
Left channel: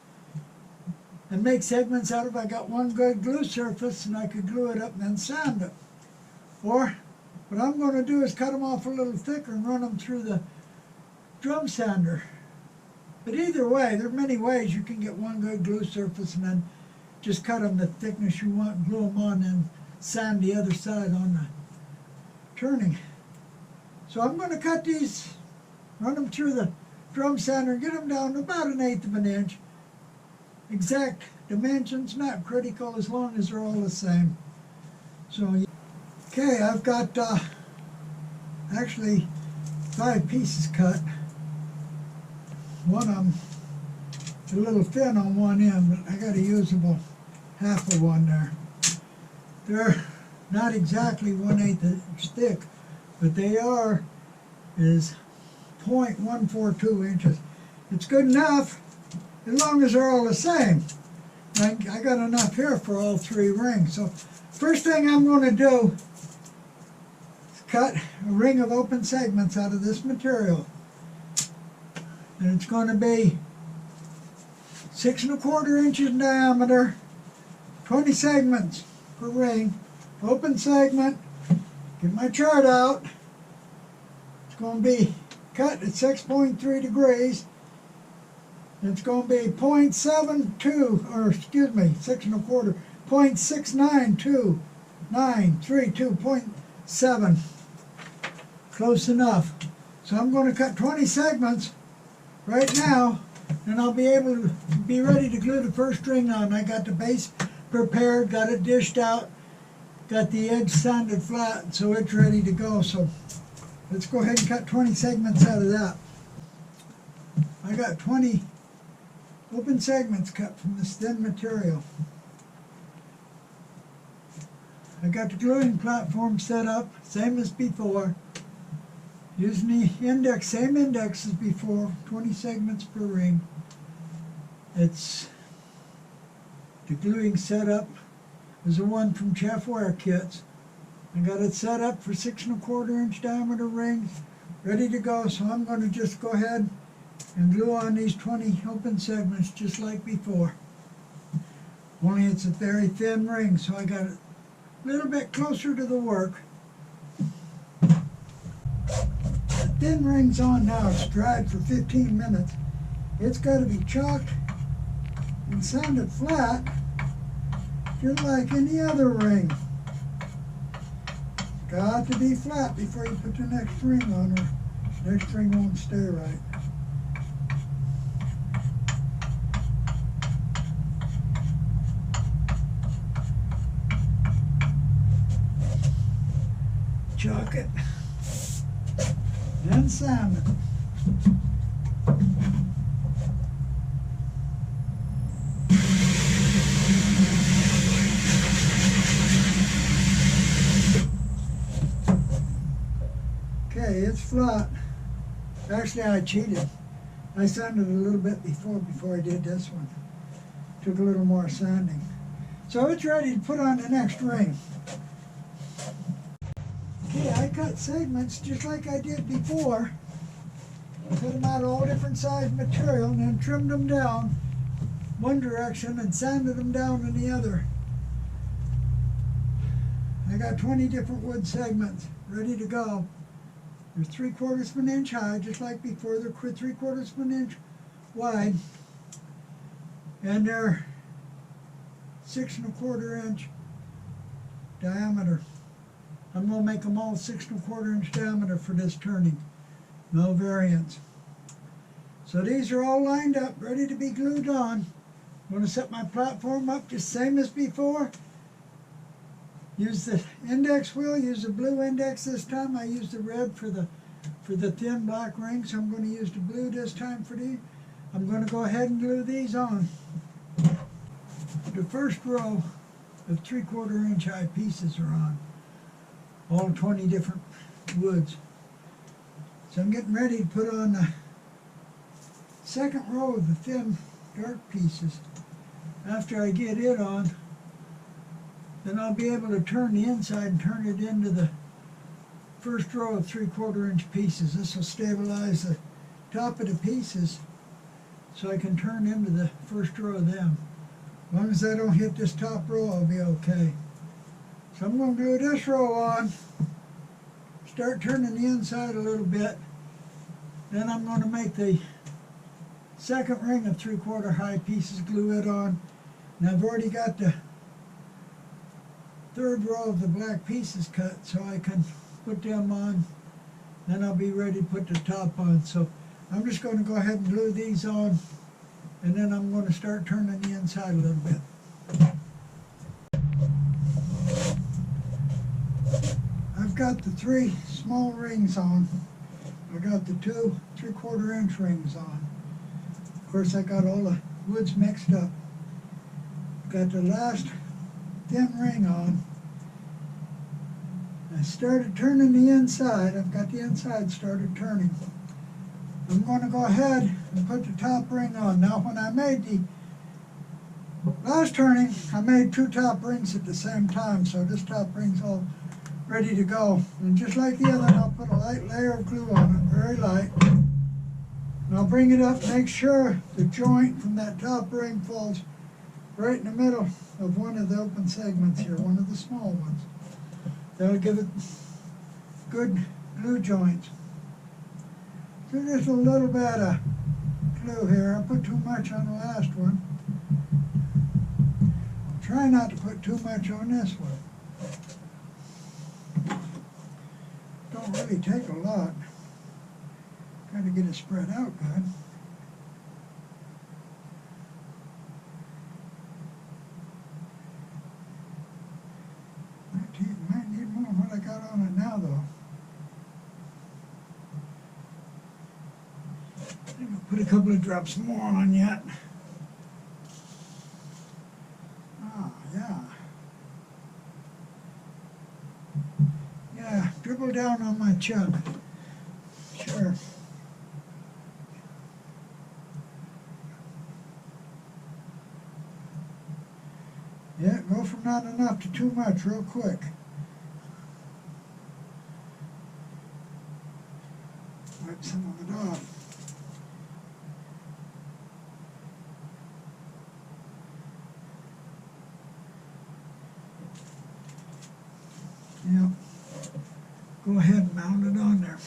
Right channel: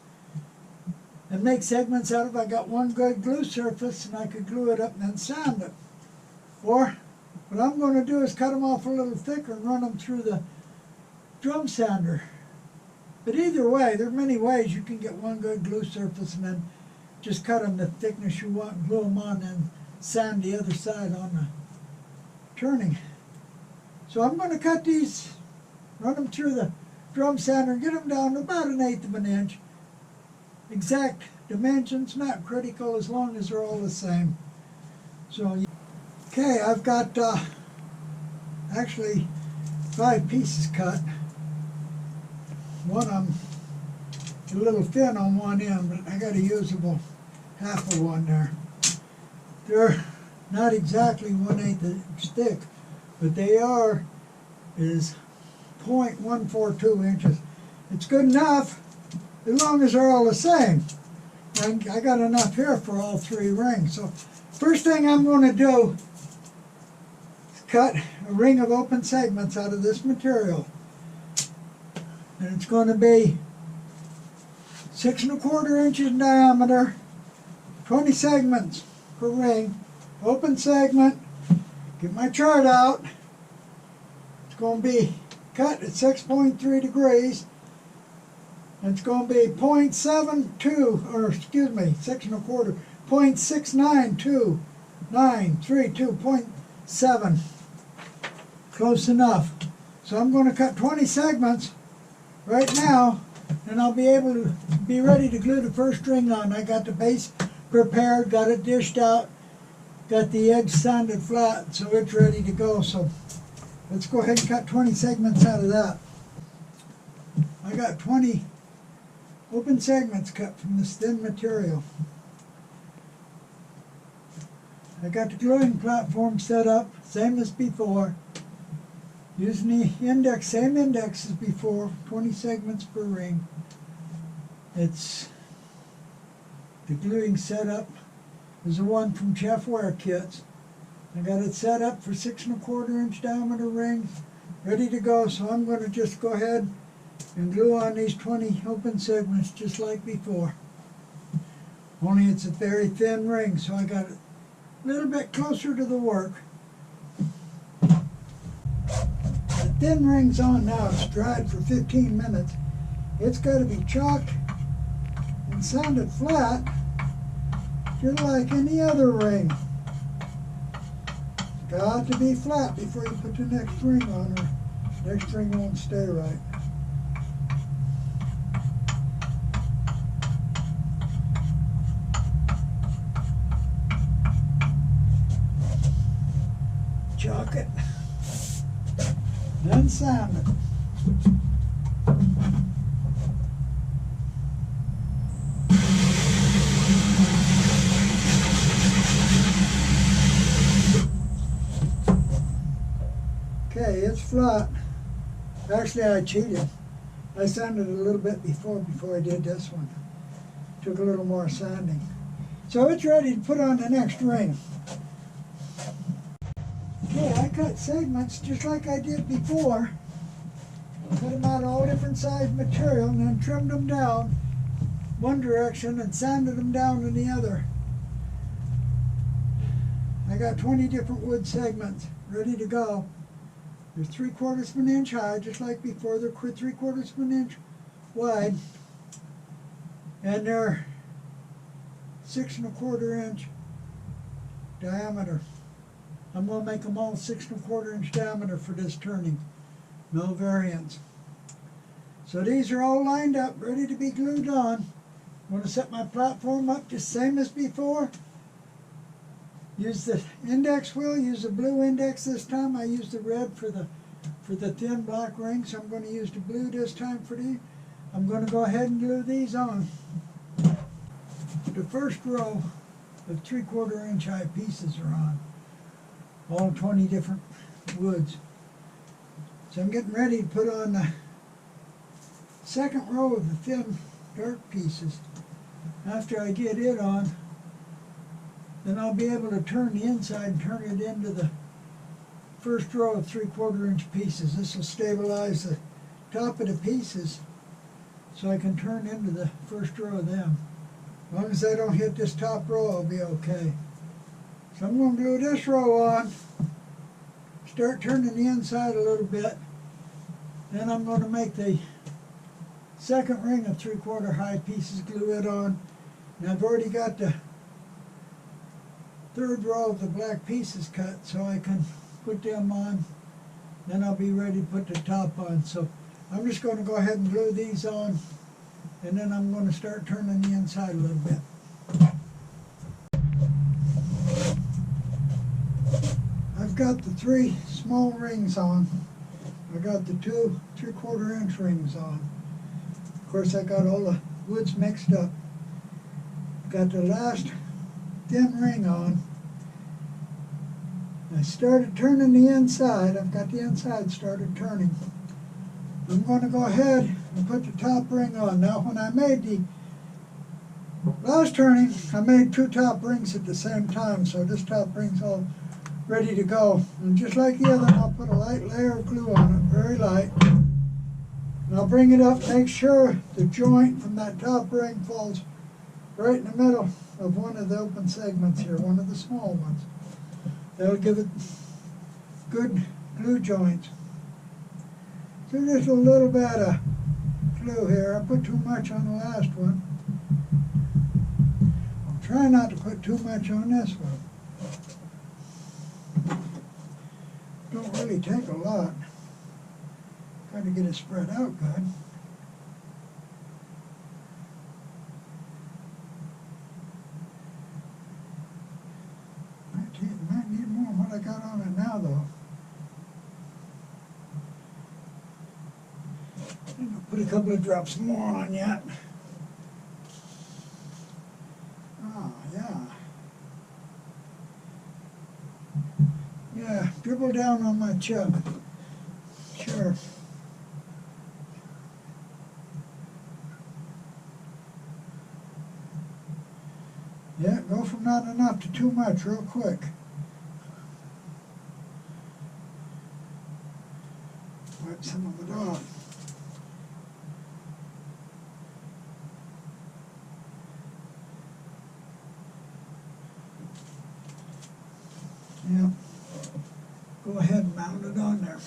and make segments out of it. I got one good glue surface and I could glue it up and then sand it. Or what I'm going to do is cut them off a little thicker and run them through the drum sander. But either way, there are many ways you can get one good glue surface and then just cut them the thickness you want, glue them on, and sand the other side on the turning. So I'm going to cut these, run them through the drum sander and get them down to about 1/8 of an inch. Exact dimensions, not critical as long as they're all the same. So, okay, I've got actually 5 pieces cut. One of them is a little thin on one end, but I got a usable half of one there. They're not exactly 1/8 inch thick, but they is 0.142 inches. It's good enough as long as they're all the same. I got enough here for all 3 rings. So first thing I'm going to do is cut a ring of open segments out of this material. And it's going to be 6 1/4 inches in diameter, 20 segments per ring. Open segment, get my chart out. It's going to be cut at 6.3 degrees. And it's going to be 0.72, or excuse me, 6 1/4, 0.692932.7. Close enough. So I'm going to cut 20 segments right now, and I'll be able to be ready to glue the first ring on. I got the base prepared, got it dished out, got the edge sanded flat, so it's ready to go. So let's go ahead and cut 20 segments out of that. I got 20 open segments cut from this thin material. I got the gluing platform set up, same as before. Using the index, same index as before, 20 segments per ring. It's the gluing setup is the one from Chefware Kits. I got it set up for 6 1/4 inch diameter rings, ready to go. So I'm going to just go ahead and glue on these 20 open segments just like before. Only it's a very thin ring, so I got it a little bit closer to the work. The thin ring's on now. It's dried for 15 minutes. It's got to be chalked and sanded flat, just like any other ring. Got to be flat before you put the next ring on, or next ring won't stay right. Chalk it, then sand it. Okay, it's flat. Actually, I cheated. I sanded it a little bit before I did this one. Took a little more sanding. So it's ready to put on the next ring. Okay, I cut segments just like I did before. Cut them out of all different size material and then trimmed them down one direction and sanded them down in the other. I got 20 different wood segments ready to go. They're 3/4 of an inch high, just like before. They're 3/4 of an inch wide. and they're 6¼ inch diameter. I'm going to make them all 6¼ inch diameter for this turning. No variance. So these are all lined up, ready to be glued on. I'm going to set my platform up just same as before. Use the index wheel, use the blue index this time. I used the red for the thin black ring, so I'm going to use the blue this time for these. I'm going to go ahead and glue these on. The first row of 3/4 inch high pieces are on. All 20 different woods. So I'm getting ready to put on the second row of the thin dark pieces. After I get it on, then I'll be able to turn the inside and turn it into the first row of 3/4 inch pieces. This will stabilize the top of the pieces so I can turn into the first row of them. As long as I don't hit this top row, I'll be okay. So I'm going to glue this row on, start turning the inside a little bit. Then I'm going to make the second ring of 3/4 high pieces, glue it on. And I've already got the third row of the black pieces cut, so I can put them on. Then I'll be ready to put the top on. So I'm just going to go ahead and glue these on, and then I'm going to start turning the inside a little bit. I've got the 3 small rings on. I got the 2 3/4 inch rings on. Of course, I got all the woods mixed up. Got the last thin ring on. I started turning the inside. I've got the inside started turning. I'm going to go ahead and put the top ring on. Now, when I made the last turning, I made 2 top rings at the same time, so this top ring's all ready to go. And just like the other, I'll put a light layer of glue on it, very light. And I'll bring it up, make sure the joint from that top ring falls right in the middle of one of the open segments here, one of the small ones. That'll give it good glue joints. So just a little bit of glue here. I put too much on the last one. I'll try not to put too much on this one. Don't really take a lot. Got to get it spread out good. Might need more what I got on it now, though. I think I'll put a couple of drops more on yet. Ah, yeah. Yeah, dribble down on my chuck. Sure. Yeah, go from not enough to too much real quick. Wipe some of it off. Yeah. Go ahead and mount it on there.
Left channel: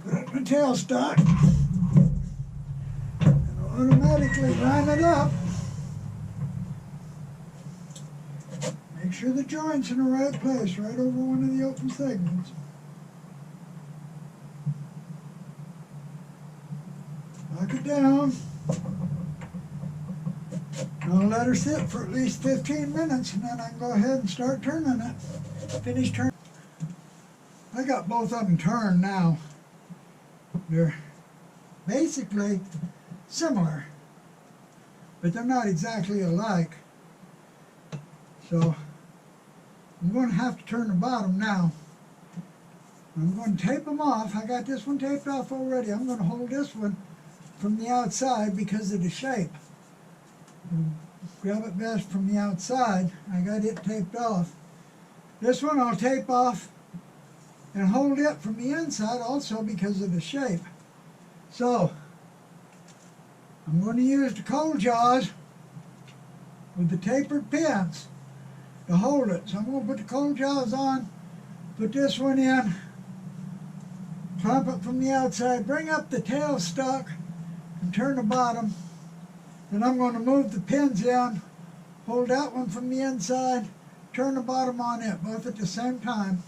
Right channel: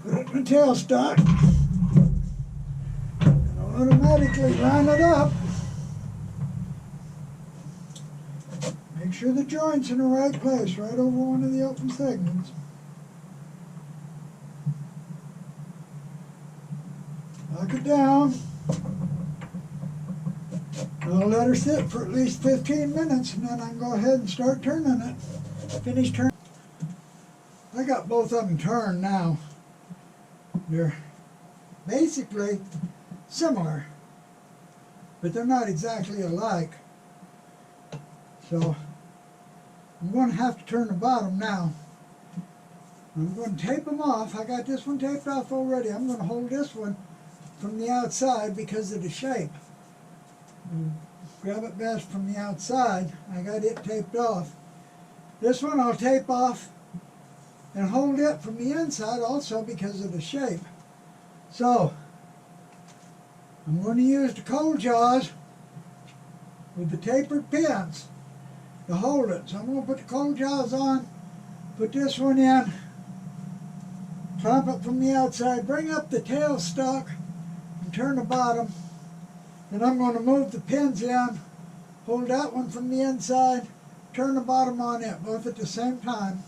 Put it in the tailstock. And automatically line it up. Make sure the joint's in the right place, right over one of the open segments. Lock it down. I'll let her sit for at least 15 minutes, and then I can go ahead and start turning it. Finish turning. I got both of them turned now. They're basically similar, but they're not exactly alike. So I'm going to have to turn the bottom now. I'm going to tape them off. I got this one taped off already. I'm going to hold this one from the outside because of the shape. And grab it best from the outside. I got it taped off. This one I'll tape off and hold it from the inside also because of the shape. So I'm going to use the cold jaws with the tapered pins to hold it. So I'm going to put the cold jaws on, put this one in, clamp it from the outside, bring up the tailstock and turn the bottom. And I'm going to move the pins in, hold that one from the inside, turn the bottom on it, both at the same time.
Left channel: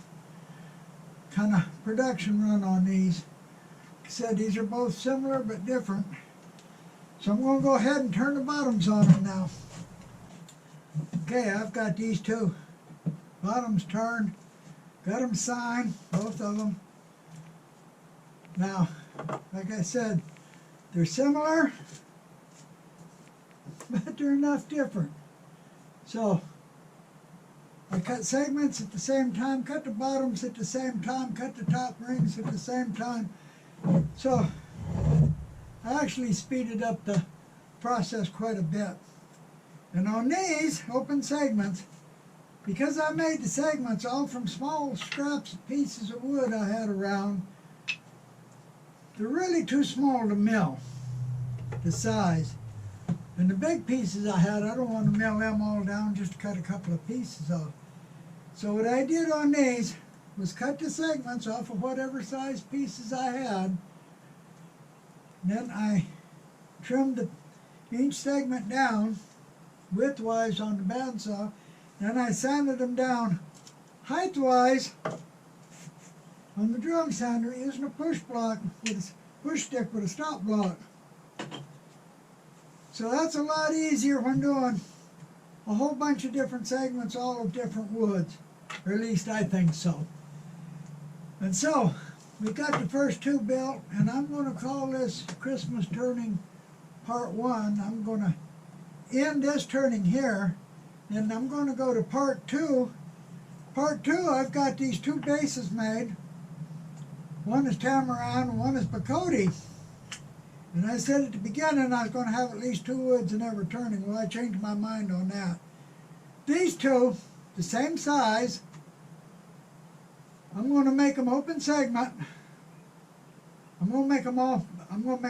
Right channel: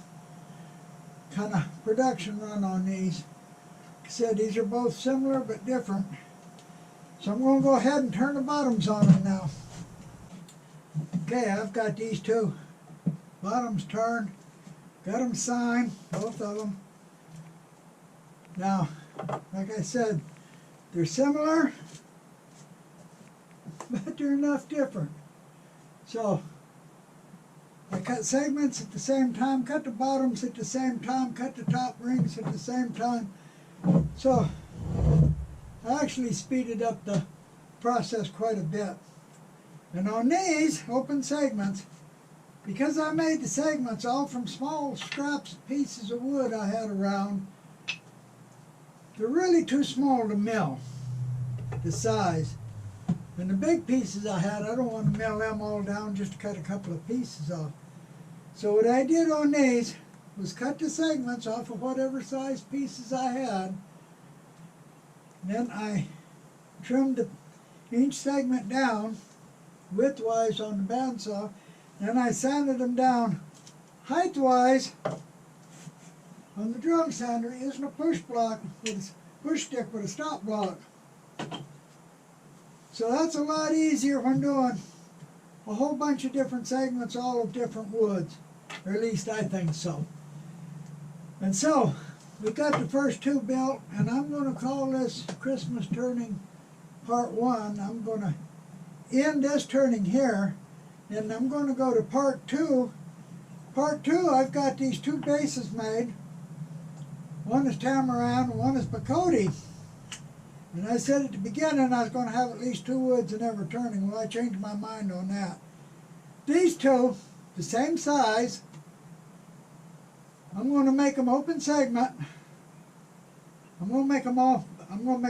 Kind of production run on these. Like I said, these are both similar but different. So I'm going to go ahead and turn the bottoms on them now. Okay, I've got these two bottoms turned. Got them signed, both of them. Now, like I said, they're similar, but they're enough different. So, I cut segments at the same time, cut the bottoms at the same time, cut the top rings at the same time. So, I actually speeded up the process quite a bit. And on these open segments, because I made the segments all from small scraps and pieces of wood I had around, they're really too small to mill, the size. And the big pieces I had, I don't want to mill them all down just to cut a couple of pieces off. So what I did on these was cut the segments off of whatever size pieces I had. Then I trimmed each segment down widthwise on the bandsaw. Then I sanded them down height-wise on the drum sander using a push block with a push stick with a stop block. So that's a lot easier when doing a whole bunch of different segments, all of different woods, or at least I think so. And so we got the first two built, and I'm going to call this Christmas turning part 1. I'm going to end this turning here. And I'm going to go to part 2. Part 2, I've got these two bases made. One is Tamarind, one is Bacote. And I said at the beginning I was going to have at least 2 woods in every turning. Well, I changed my mind on that. These two, the same size, I'm going to make them open segment. I'm going to make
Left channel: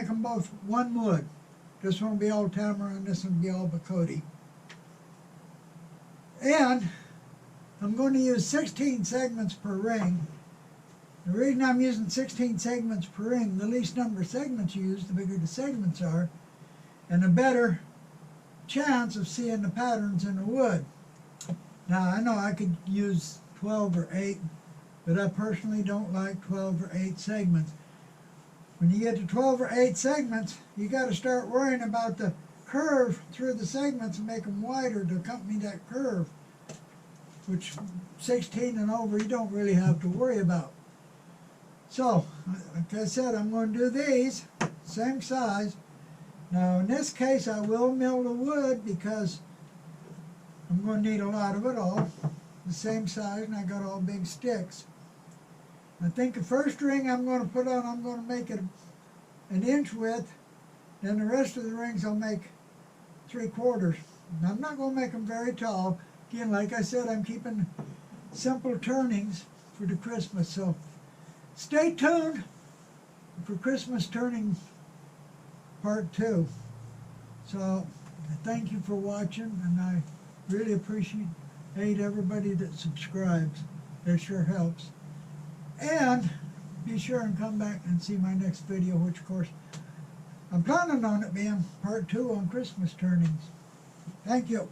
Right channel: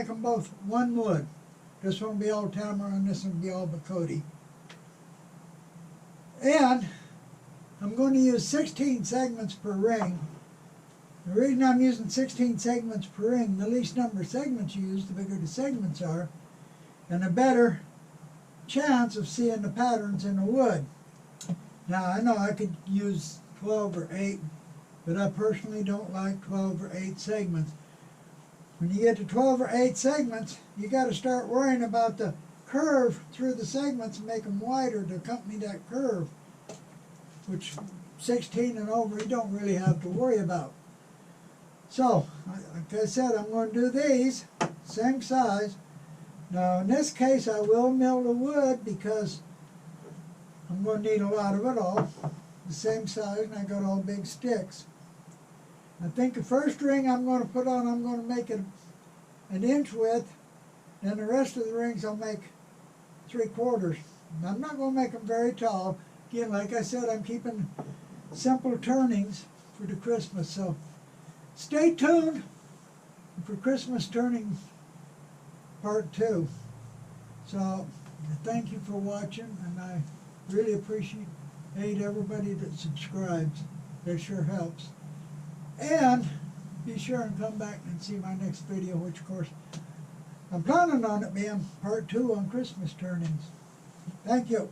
them both one wood. This one will be all Tamarind, this one will be all Bacote. And I'm going to use 16 segments per ring. The reason I'm using 16 segments per ring, the least number of segments you use, the bigger the segments are, and a better chance of seeing the patterns in the wood. Now, I know I could use 12 or 8, but I personally don't like 12 or 8 segments. When you get to 12 or 8 segments, you got to start worrying about the curve through the segments and make them wider to accompany that curve, which 16 and over you don't really have to worry about. So, like I said, I'm going to do these, same size. Now in this case I will mill the wood because I'm going to need a lot of it all, the same size, and I got all big sticks. I think the first ring I'm going to put on, I'm going to make it an inch width, then the rest of the rings I'll make 3/4. I'm not going to make them very tall. Again, like I said, I'm keeping simple turnings for the Christmas. So stay tuned for Christmas turning part 2. So thank you for watching, and I really appreciate everybody that subscribes. It sure helps. And be sure and come back and see my next video, which of course I'm planning on it being part 2 on Christmas turnings. Thank you.